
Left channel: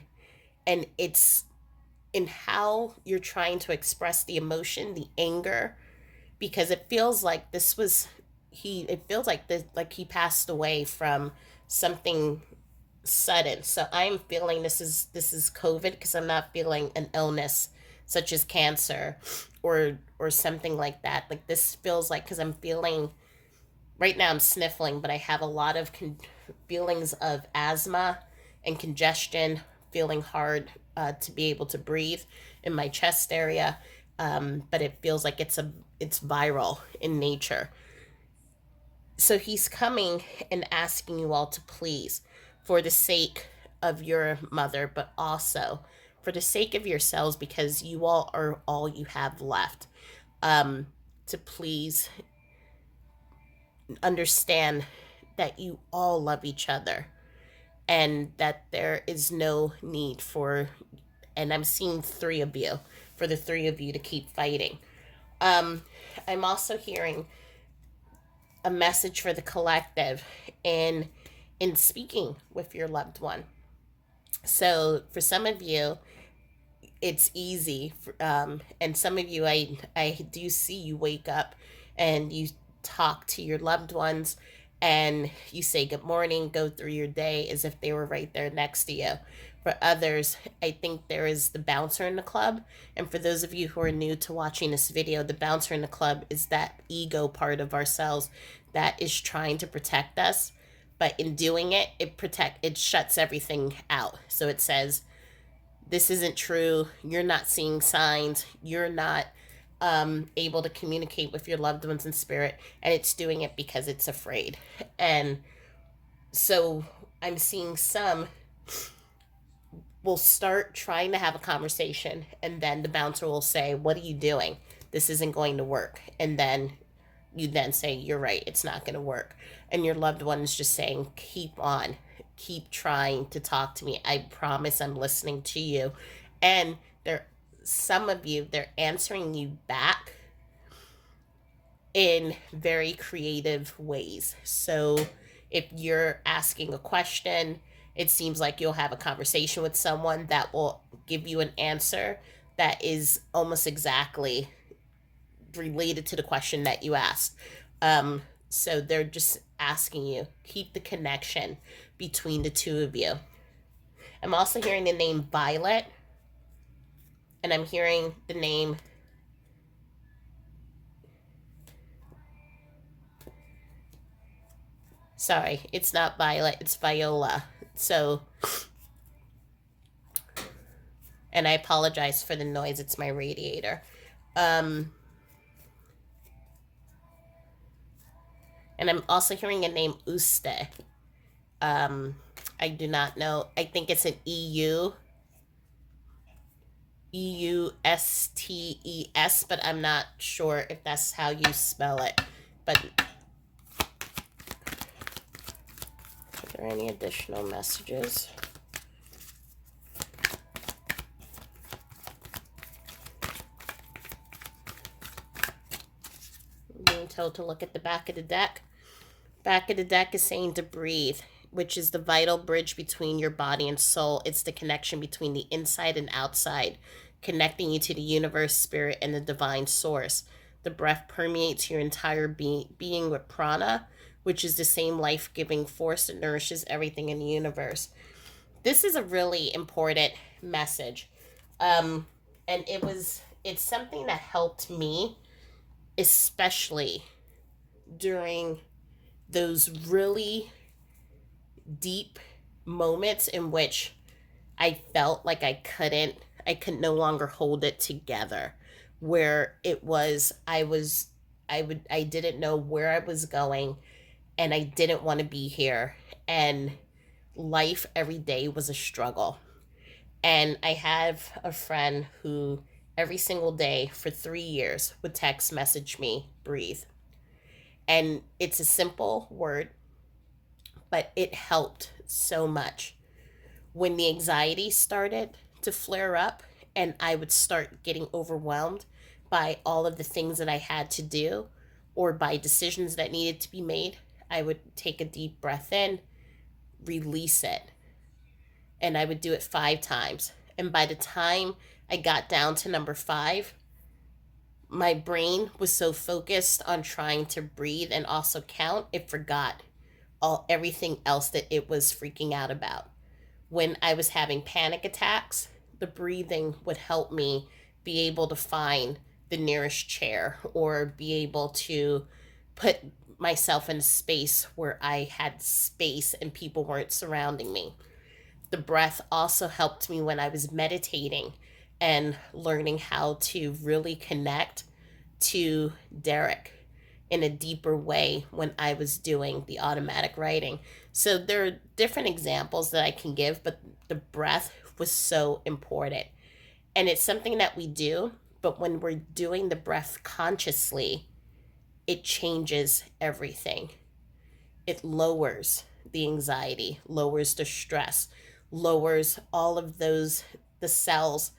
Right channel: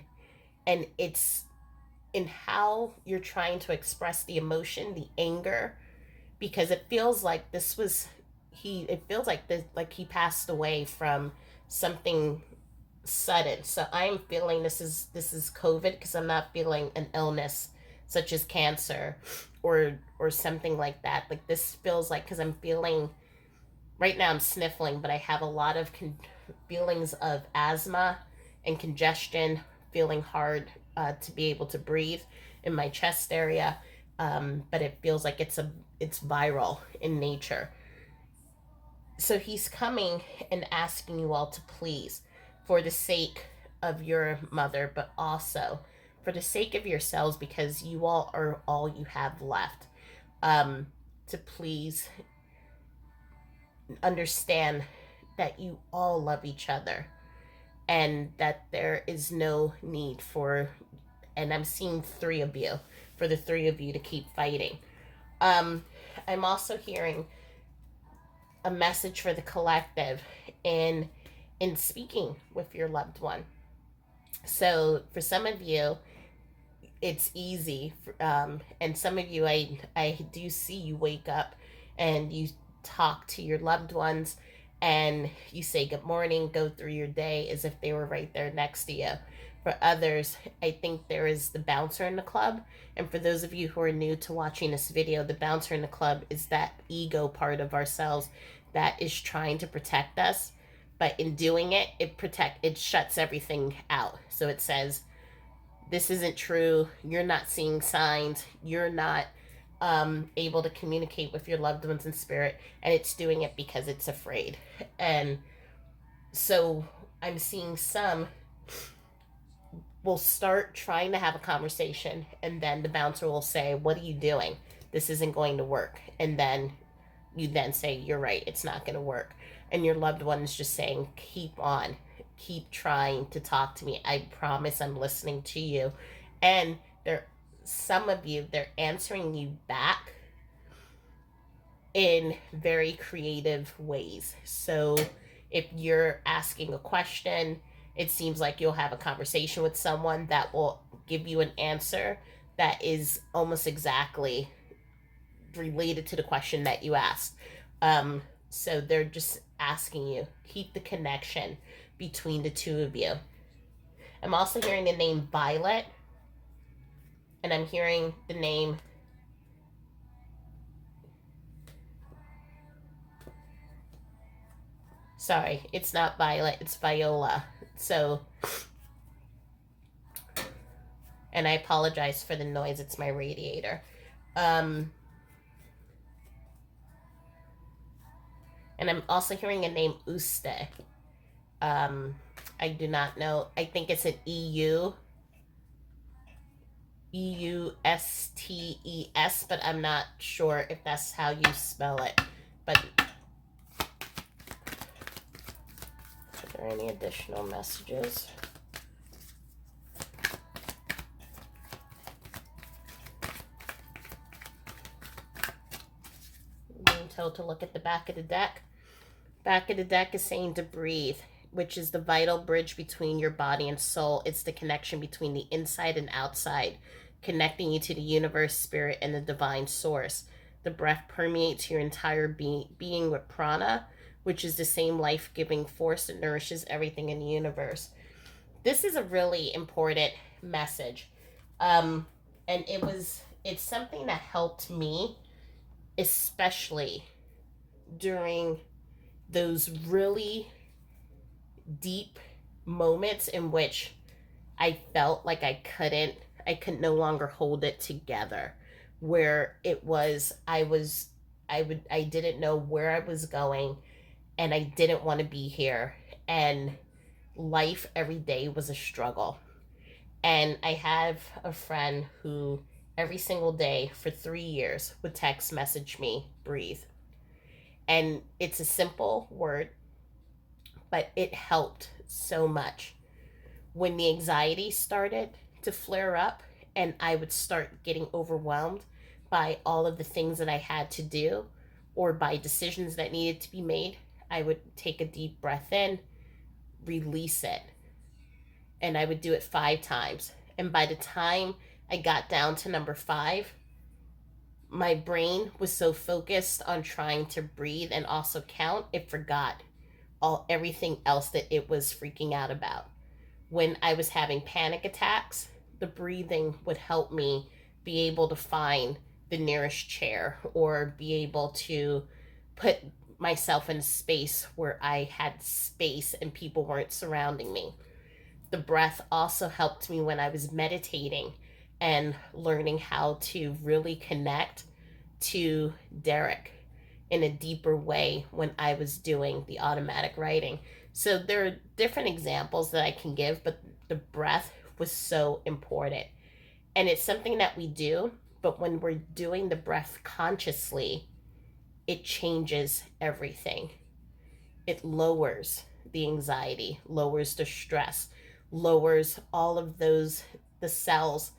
it's in how you're trying to express the emotion, the anger, because it feels like this was it feels like this, like he passed away from something sudden. So I'm feeling this is COVID, because I'm not feeling an illness such as cancer or something like that. Like this feels like, because I'm feeling right now I'm sniffling, but I have a lot of feelings of asthma and congestion, feeling hard to be able to breathe in my chest area. But it feels like it's viral in nature. So he's coming and asking you all to please, for the sake of your mother, but also for the sake of yourselves, because you all are all you have left. Um, to please understand that you all love each other, and that there is no need for, and I'm seeing three of you, for the three of you to keep fighting. Um, I'm also hearing a message for the collective in speaking with your loved one. So for some of you, it's easy, and some of you, I do see you wake up and you talk to your loved ones, and you say good morning, go through your day as if they were right there next to you. For others, I think there is the bouncer in the club. And for those of you who are new to watching this video, the bouncer in the club is that ego part of ourselves that is trying to protect us. But in doing it, it shuts everything out. So it says, this isn't true. You're not seeing signs. You're not able to communicate with your loved ones in spirit. And it's doing it because it's afraid. And so I'm seeing some will start trying to have a conversation, and then the bouncer will say, what are you doing? This isn't going to work. And then you then say, you're right, it's not going to work. And your loved one is just saying, keep on, keep trying to talk to me. I promise I'm listening to you. And there, some of you, they're answering you back in very creative ways. So if you're asking a question, it seems like you'll have a conversation with someone that will give you an answer that is almost exactly related to the question that you asked. So they're just asking you, keep the connection between the two of you. I'm also hearing the name Violet, and I'm hearing the name, sorry, it's not Violet, it's Viola. So, and I apologize for the noise, it's my radiator. And I'm also hearing a name Uste. I do not know. I think it's an Eustes, but I'm not sure if that's how you spell it. But are there any additional messages? I'm being told to look at the back of the deck. Back of the deck is saying to breathe, which is the vital bridge between your body and soul. It's the connection between the inside and outside, connecting you to the universe, spirit, and the divine source. The breath permeates your entire being with prana, which is the same life-giving force that nourishes everything in the universe. This is a really important message. And it's something that helped me, especially during those really deep moments in which I felt like I could no longer hold it together, where it was, I didn't know where I was going, and I didn't want to be here, and life every day was a struggle. And I have a friend who every single day for 3 years would text message me, breathe. And it's a simple word, but it helped so much. When the anxiety started to flare up and I would start getting overwhelmed by all of the things that I had to do, or by decisions that needed to be made, I would take a deep breath in, release it, and I would do it 5 times. And by the time I got down to number 5, my brain was so focused on trying to breathe and also count, it forgot everything else that it was freaking out about. When I was having panic attacks, the breathing would help me be able to find the nearest chair or be able to put myself in a space where I had space and people weren't surrounding me. The breath also helped me when I was meditating and learning how to really connect to Derek in a deeper way when I was doing the automatic writing. So there are different examples that I can give, but the breath was so important. And it's something that we do, but when we're doing the breath consciously, it changes everything. It lowers the anxiety, lowers the stress, lowers all of those, the cells.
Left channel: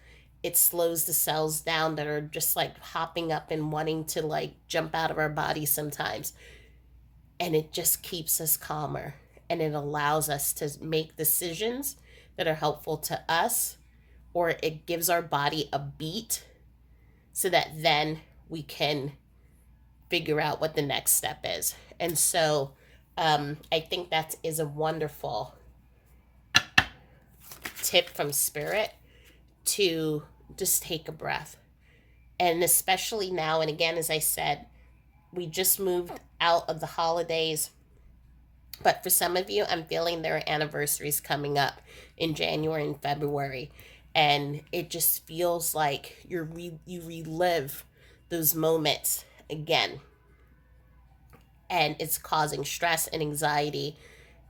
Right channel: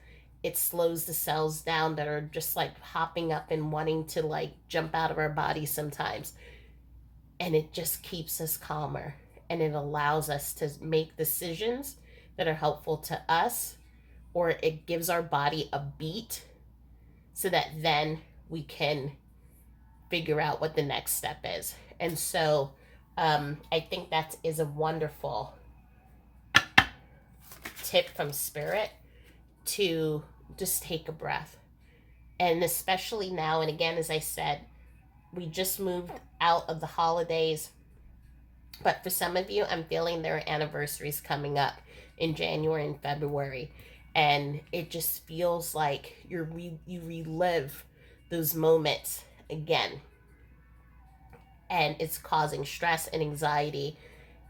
It slows the cells down that are just like hopping up and wanting to like jump out of our body sometimes. And it just keeps us calmer, and it allows us to make decisions that are helpful to us, or it gives our body a beat so that then we can figure out what the next step is. And so I think that is a wonderful tip from Spirit to just take a breath. And especially now, and again, as I said, we just moved out of the holidays. But for some of you, I'm feeling there are anniversaries coming up in January and February. And it just feels like you relive those moments again. And it's causing stress and anxiety.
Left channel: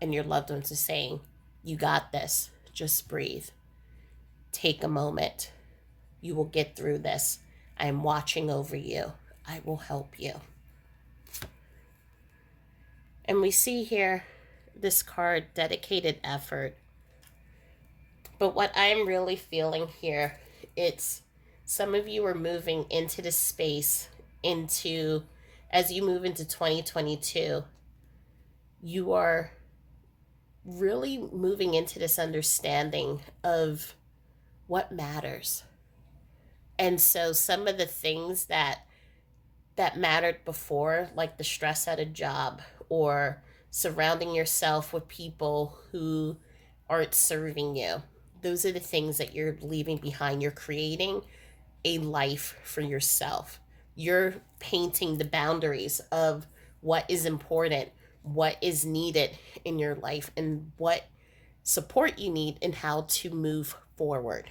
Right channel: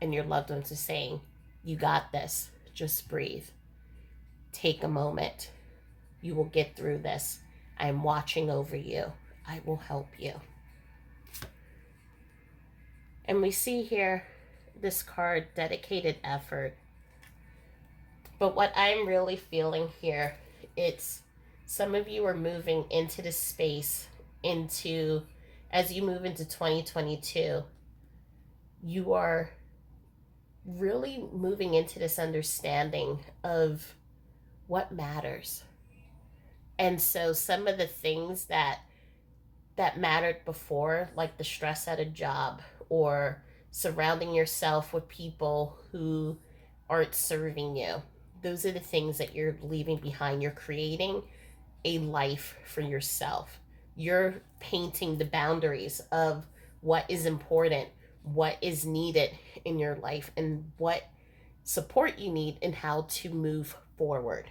And your loved ones are saying, you got this. Just breathe. Take a moment. You will get through this. I am watching over you. I will help you. And we see here this card, dedicated effort. But what I'm really feeling here, it's some of you are moving into this space, into, as you move into 2022, you are really moving into this understanding of what matters. And so some of the things that mattered before, like the stress at a job or surrounding yourself with people who aren't serving you, those are the things that you're leaving behind. You're creating a life for yourself. You're painting the boundaries of what is important, what is needed in your life, and what support you need and how to move forward.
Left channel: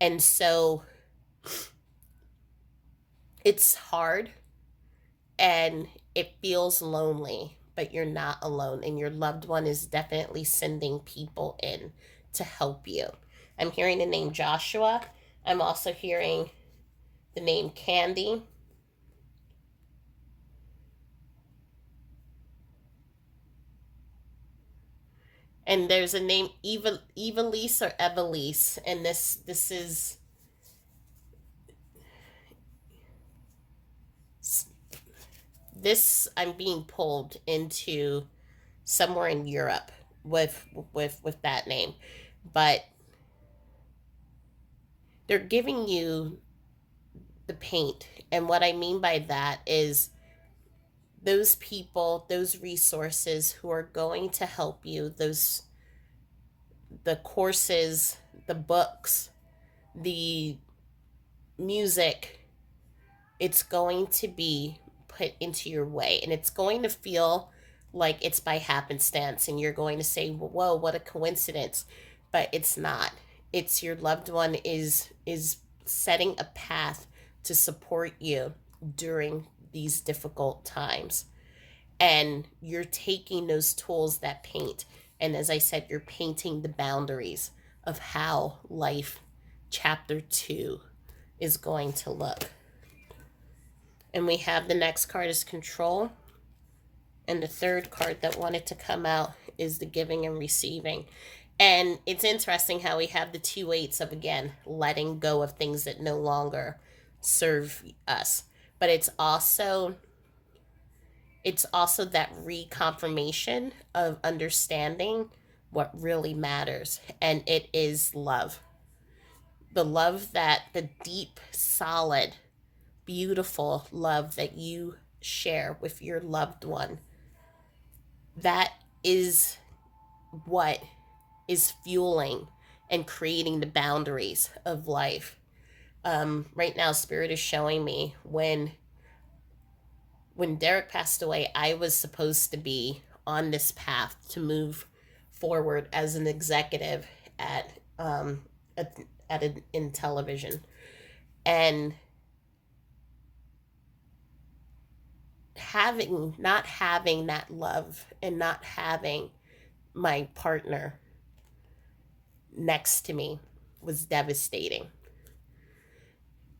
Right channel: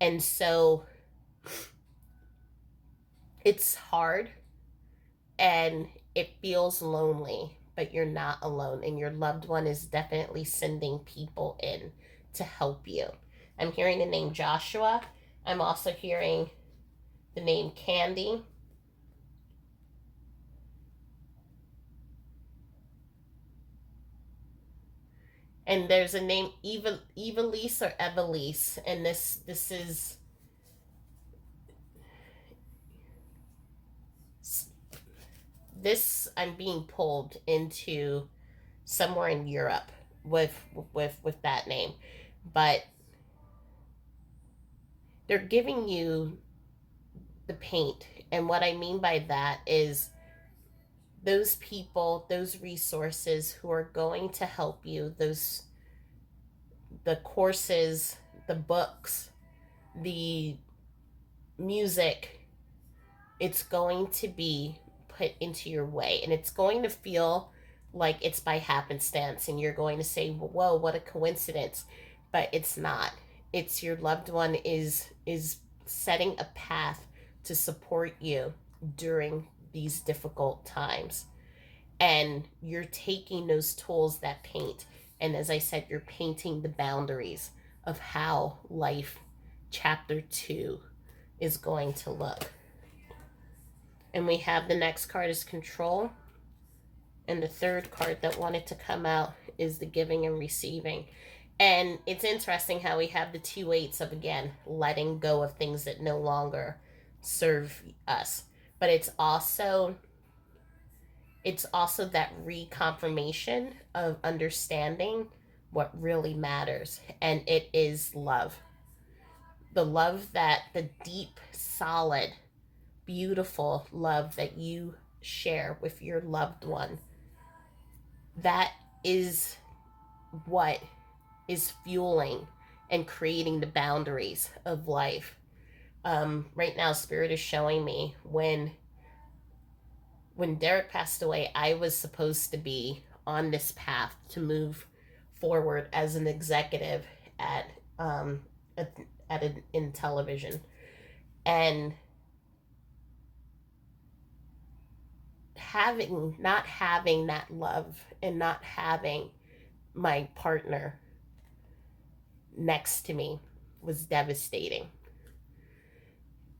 And so it's hard and it feels lonely, but you're not alone, and your loved one is definitely sending people in to help you. I'm hearing the name Joshua. I'm also hearing the name Candy. And there's a name Evelise or Evelise, and this is this I'm being pulled into somewhere in Europe with with that name. But they're giving you the paint. And what I mean by that is those people, those resources who are going to help you, those the courses, the books, the music, it's going to be put into your way, and it's going to feel like it's by happenstance, and you're going to say, whoa, what a coincidence. But it's not. It's your loved one is setting a path to support you during these difficult times. And you're taking those tools that paint, and as I said, you're painting the boundaries of how life chapter 2 is going to look. And we have the next card is control. And the third card that wanted to come out is the giving and receiving. And it's interesting how we have the 2 8s of, again, letting go of things that no longer serve us. But it's also it's also that reconfirmation of understanding what really matters, and it is love. The love, that the deep, solid, beautiful love that you share with your loved one, that is what is fueling and creating the boundaries of life. Right now, Spirit is showing me when Derek passed away, I was supposed to be on this path to move forward as an executive at um, in television, and not having that love and not having my partner next to me was devastating.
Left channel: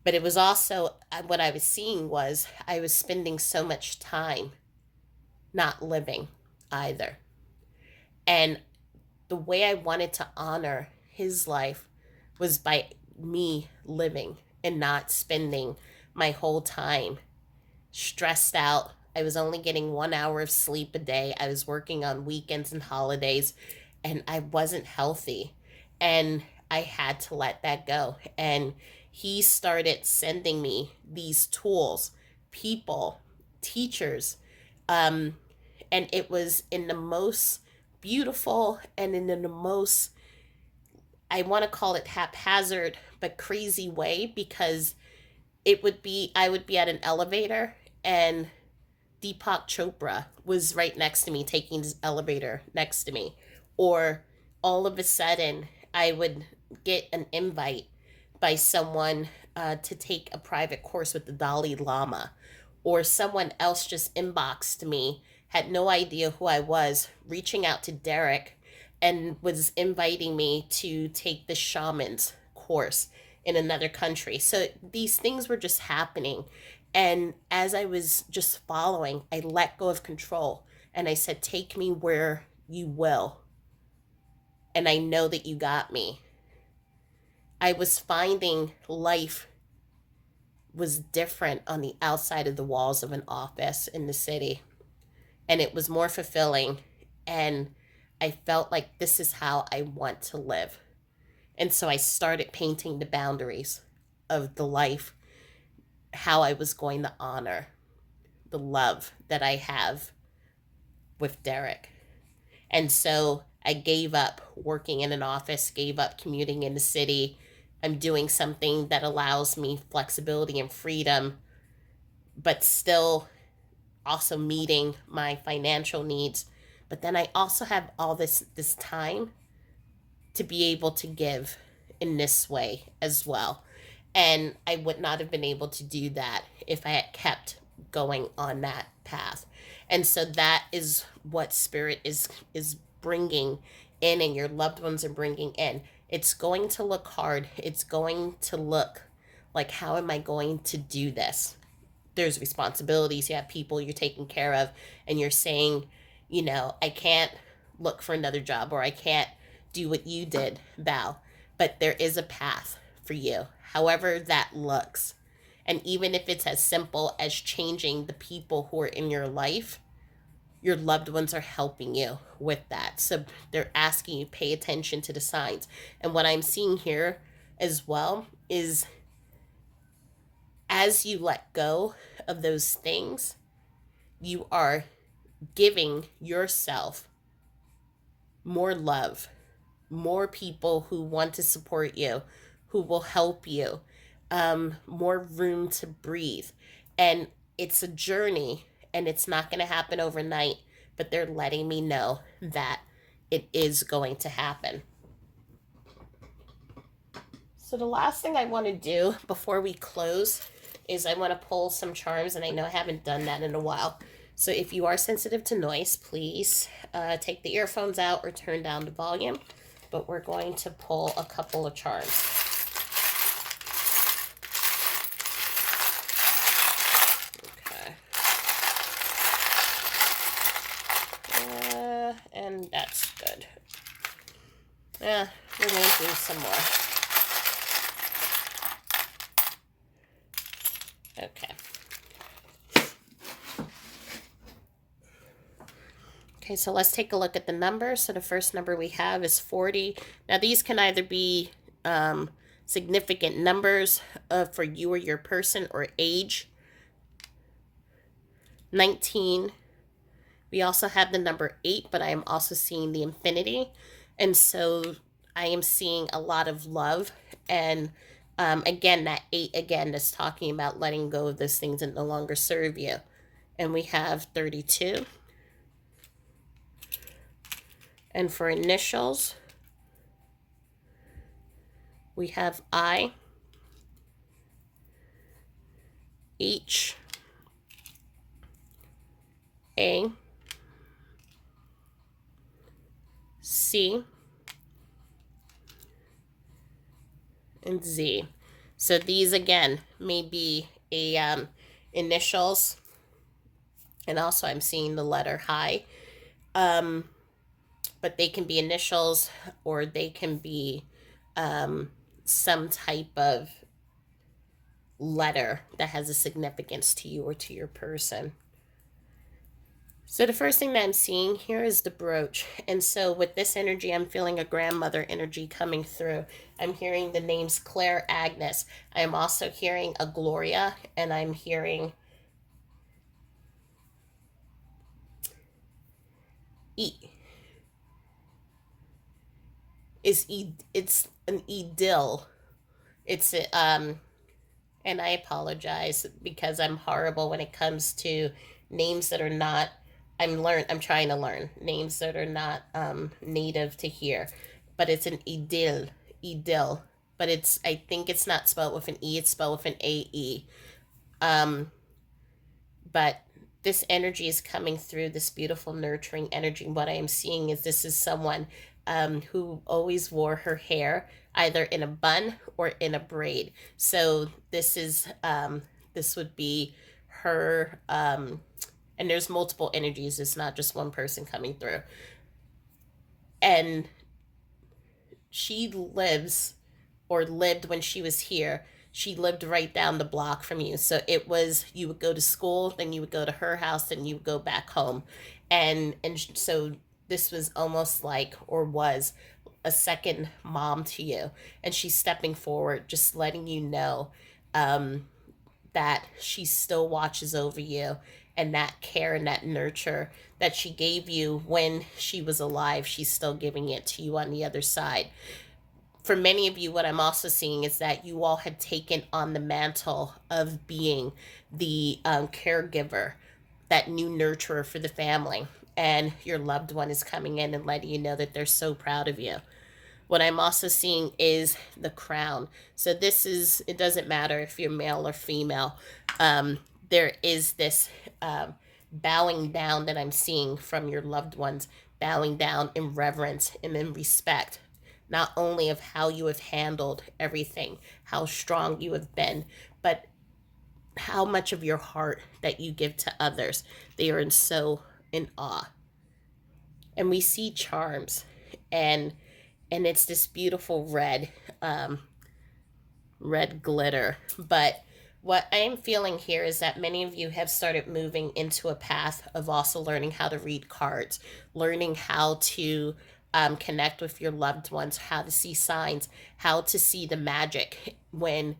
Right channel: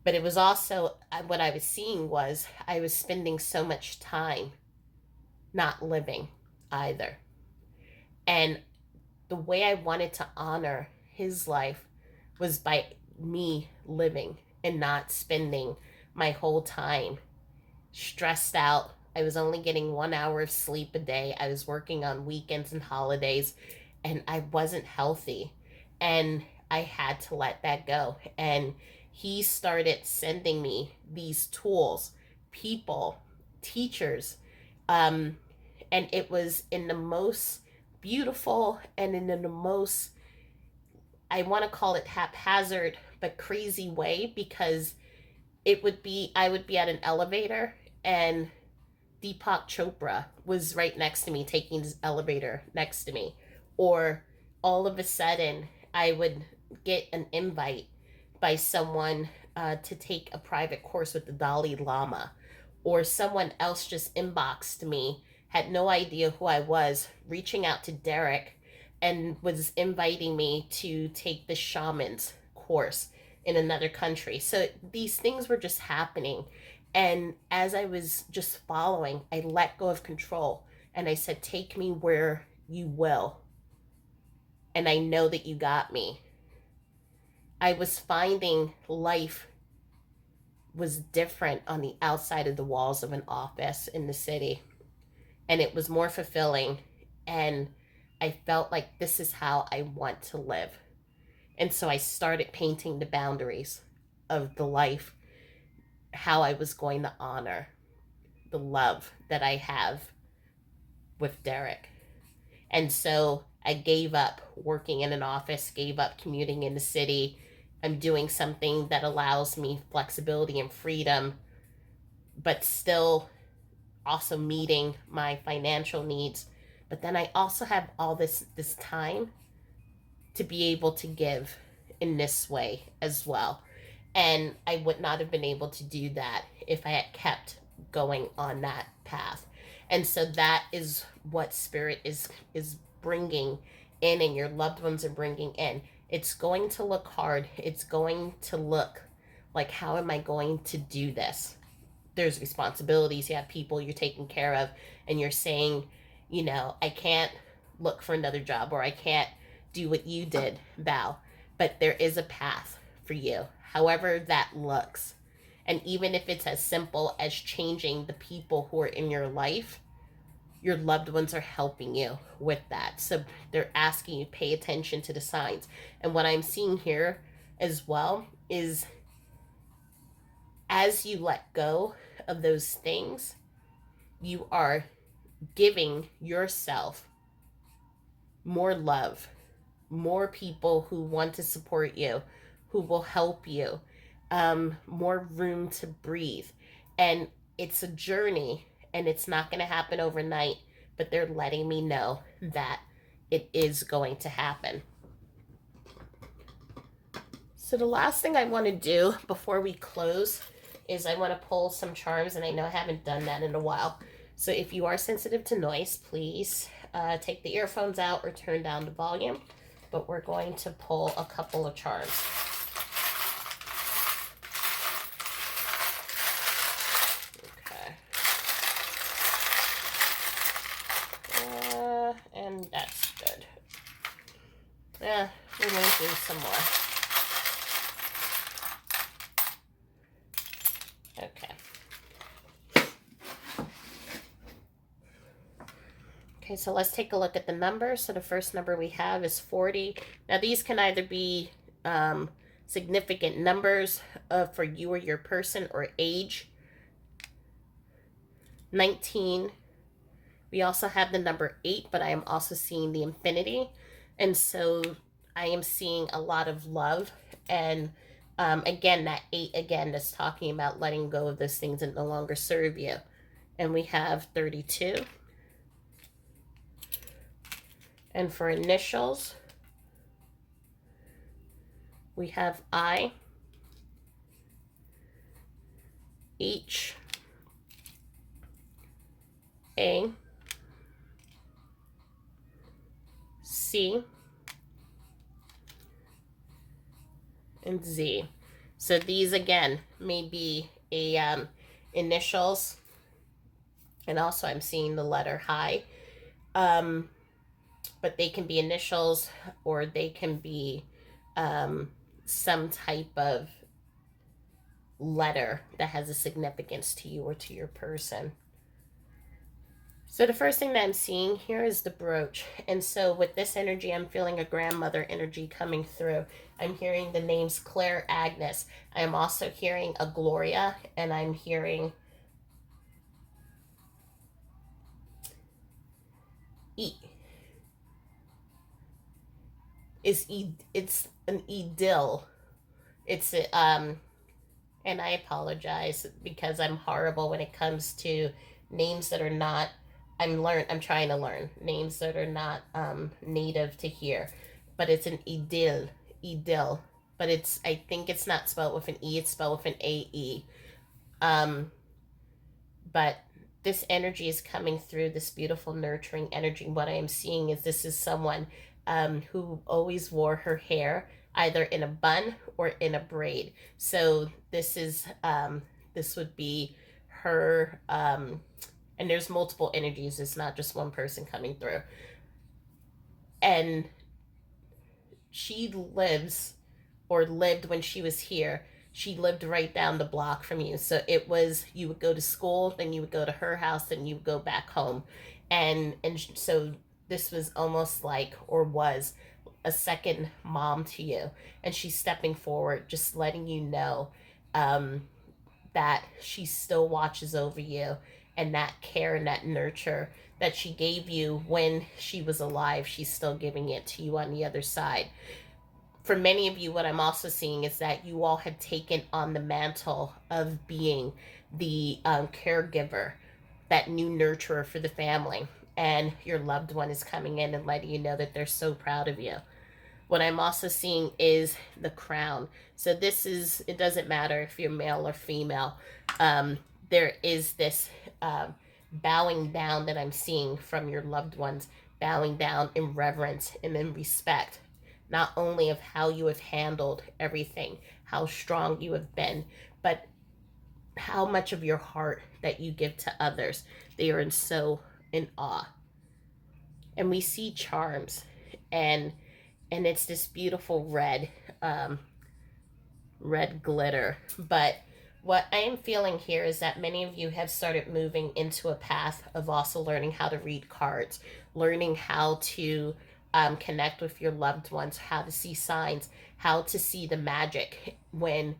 But it was also, what I was seeing was I was spending so much time not living either. And the way I wanted to honor his life was by me living and not spending my whole time stressed out. I was only getting 1 hour of sleep a day. I was working on weekends and holidays, and I wasn't healthy. And I had to let that go. And he started sending me these tools, people, teachers, um, and it was in the most beautiful and in the most, I want to call it haphazard but crazy way, because I would be at an elevator, and Deepak Chopra was right next to me, taking his elevator next to me. Or all of a sudden, I would get an invite by someone to take a private course with the Dalai Lama. Or someone else just inboxed me, had no idea who I was, reaching out to Derek, and was inviting me to take the shaman's course in another country. So these things were just happening. And as I was just following, I let go of control and I said, take me where you will. And I know that you got me. I was finding life was different on the outside of the walls of an office in the city. And it was more fulfilling. And I felt like this is how I want to live. And so I started painting the boundaries of the life, how I was going to honor the love that I have with Derek. And so I gave up working in an office, gave up commuting in the city. I'm doing something that allows me flexibility and freedom, but still also meeting my financial needs. But then I also have all this time to be able to give in this way as well. And I would not have been able to do that if I had kept going on that path. And so that is what Spirit is bringing in, and your loved ones are bringing in. It's going to look hard. It's going to look like, how am I going to do this? There's responsibilities. You have people you're taking care of, and you're saying, I can't look for another job, or I can't do what you did, Val. But there is a path for you, however that looks. And even if it's as simple as changing the people who are in your life, your loved ones are helping you with that. So they're asking you, pay attention to the signs. And what I'm seeing here as well is, as you let go of those things, you are giving yourself more love, more people who want to support you, who will help you, more room to breathe. And it's a journey, and it's not going to happen overnight, but they're letting me know that it is going to happen. So the last thing I want to do before we close is I want to pull some charms, and I know I haven't done that in a while. So if you are sensitive to noise, please take the earphones out or turn down the volume. But we're going to pull a couple of charms. Okay. And that's good. We're going to do some more. Okay. Okay, so let's take a look at the numbers. So the first number we have is 40. Now these can either be um, significant numbers for you or your person, or age. 19. We also have the number 8, but I am also seeing the infinity. And so I am seeing a lot of love. And again, that 8 again is talking about letting go of those things that no longer serve you. And we have 32. And for initials, we have I, H, A, C, and Z. So these again may be a initials, and also I'm seeing the letter high. But they can be initials, or they can be um, some type of letter that has a significance to you or to your person. So the first thing that I'm seeing here is the brooch. And so with this energy, I'm feeling a grandmother energy coming through. I'm hearing the names Claire, Agnes. I'm also hearing a Gloria, and I'm hearing E. It's an Edil. It's a, and I apologize because I'm horrible when it comes to names that are not. I'm trying to learn names that are not native to here, but it's an Edil, but it's, I think it's not spelled with an E. It's spelled with an AE. Um, but this energy is coming through, this beautiful nurturing energy. What I am seeing is this is someone who always wore her hair either in a bun or in a braid. So this would be her, and there's multiple energies. It's not just one person coming through. And she lives, or lived when she was here, she lived right down the block from you. So it was, you would go to school, then you would go to her house, then you would go back home. And so this was almost like, or was, a second mom to you. And she's stepping forward, just letting you know um, that she still watches over you, and that care and that nurture that she gave you when she was alive, she's still giving it to you on the other side. For many of you, what I'm also seeing is that you all had taken on the mantle of being the caregiver, that new nurturer for the family. And your loved one is coming in and letting you know that they're so proud of you. What I'm also seeing is the crown. So this is, it doesn't matter if you're male or female. There is this bowing down that I'm seeing from your loved ones, bowing down in reverence and in respect, not only of how you have handled everything, how strong you have been, but how much of your heart that you give to others. They are in awe. And we see charms, and it's this beautiful um, red glitter. But what I am feeling here is that many of you have started moving into a path of also learning how to read cards, learning how to connect with your loved ones, how to see signs, how to see the magic when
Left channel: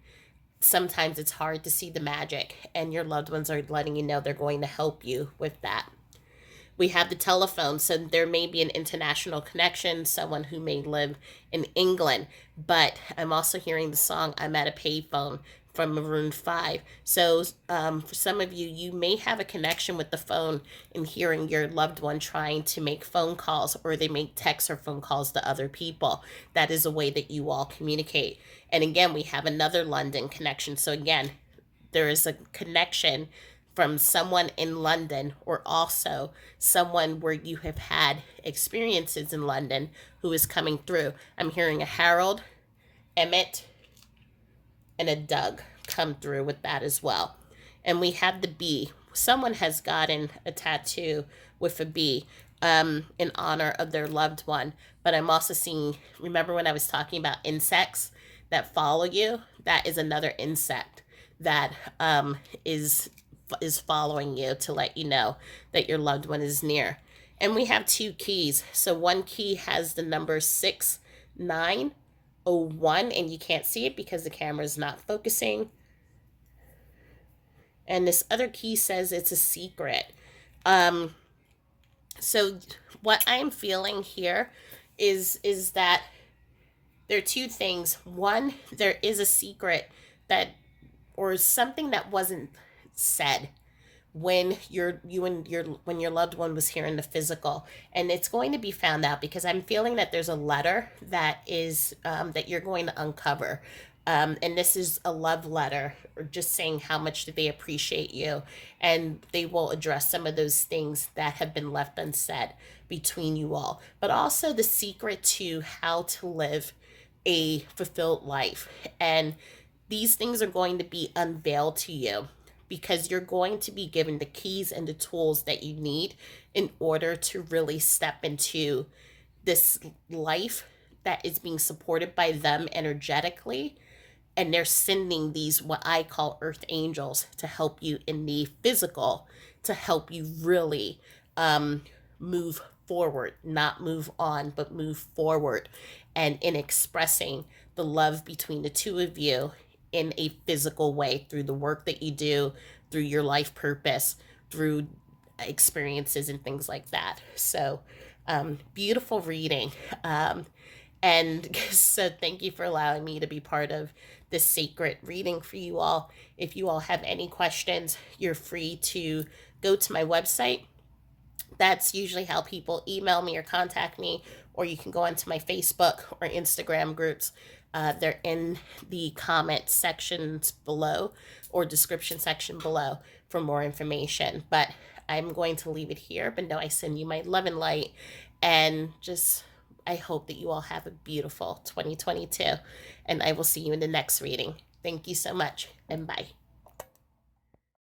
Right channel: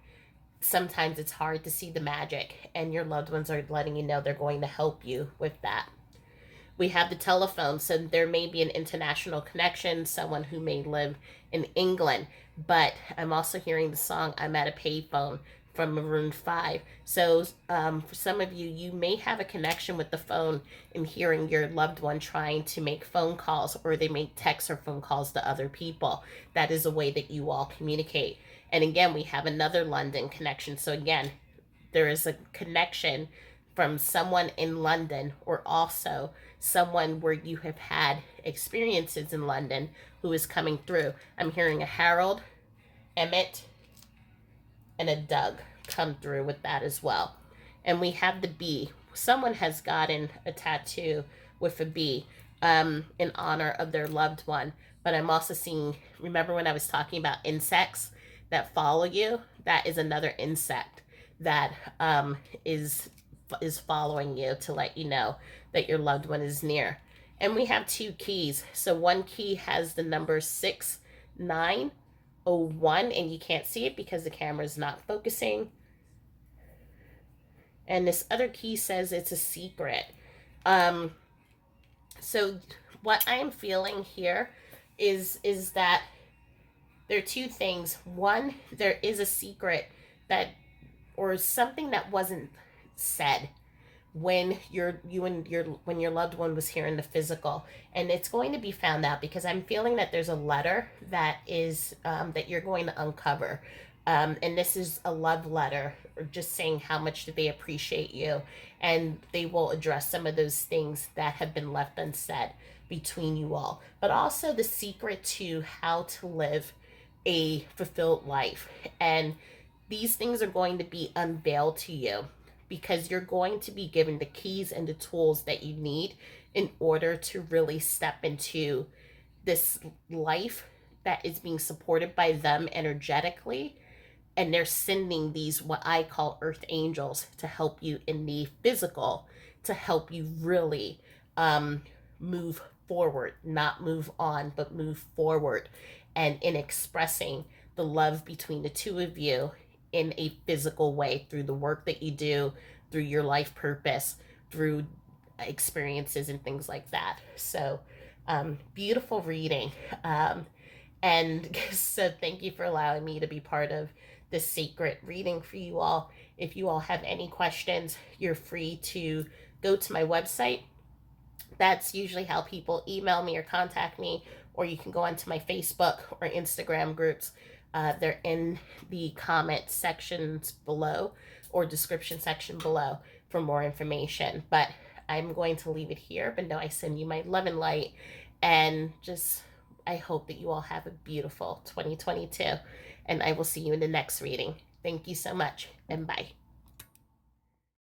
sometimes it's hard to see the magic, and your loved ones are letting you know they're going to help you with that. We have the telephone, so there may be an international connection, someone who may live in England. But I'm also hearing the song "I'm at a Payphone" from Maroon 5. So for some of you, you may have a connection with the phone and hearing your loved one trying to make phone calls, or they make texts or phone calls to other people. That is a way that you all communicate. And again, we have another London connection. So again, there is a connection from someone in London, or also someone where you have had experiences in London who is coming through. I'm hearing a Harold, Emmett, and a Doug come through with that as well. And we have the bee. Someone has gotten a tattoo with a bee in honor of their loved one. But I'm also seeing, remember when I was talking about insects that follow you? That is another insect that is following you to let you know that your loved one is near. And we have two keys. So one key has the number 6901, and you can't see it because the camera is not focusing. And this other key says it's a secret. Um, so what I'm feeling here is that there are two things. One, there is a secret that, or something that wasn't said when when your loved one was here in the physical, and it's going to be found out, because I'm feeling that there's a letter that is that you're going to uncover, and this is a love letter, or just saying how much do they appreciate you, and they will address some of those things that have been left unsaid between you all, but also the secret to how to live a fulfilled life. And these things are going to be unveiled to you, because you're going to be given the keys and the tools that you need in order to really step into this life that is being supported by them energetically. And they're sending these, what I call earth angels, to help you in the physical, to help you really move forward, not move on, but move forward, and in expressing the love between the two of you in a physical way, through the work that you do, through your life purpose, through experiences and things like that. So beautiful reading. And so thank you for allowing me to be part of this sacred reading for you all. If you all have any questions, you're free to go to my website. That's usually how people email me or contact me, or you can go onto my Facebook or Instagram groups. They're in the comment sections below, or description section below, for more information. But I'm going to leave it here, but no, I send you my love and light, and just I hope that you all have a beautiful 2022, and I will see you in the next reading. Thank you so much, and bye.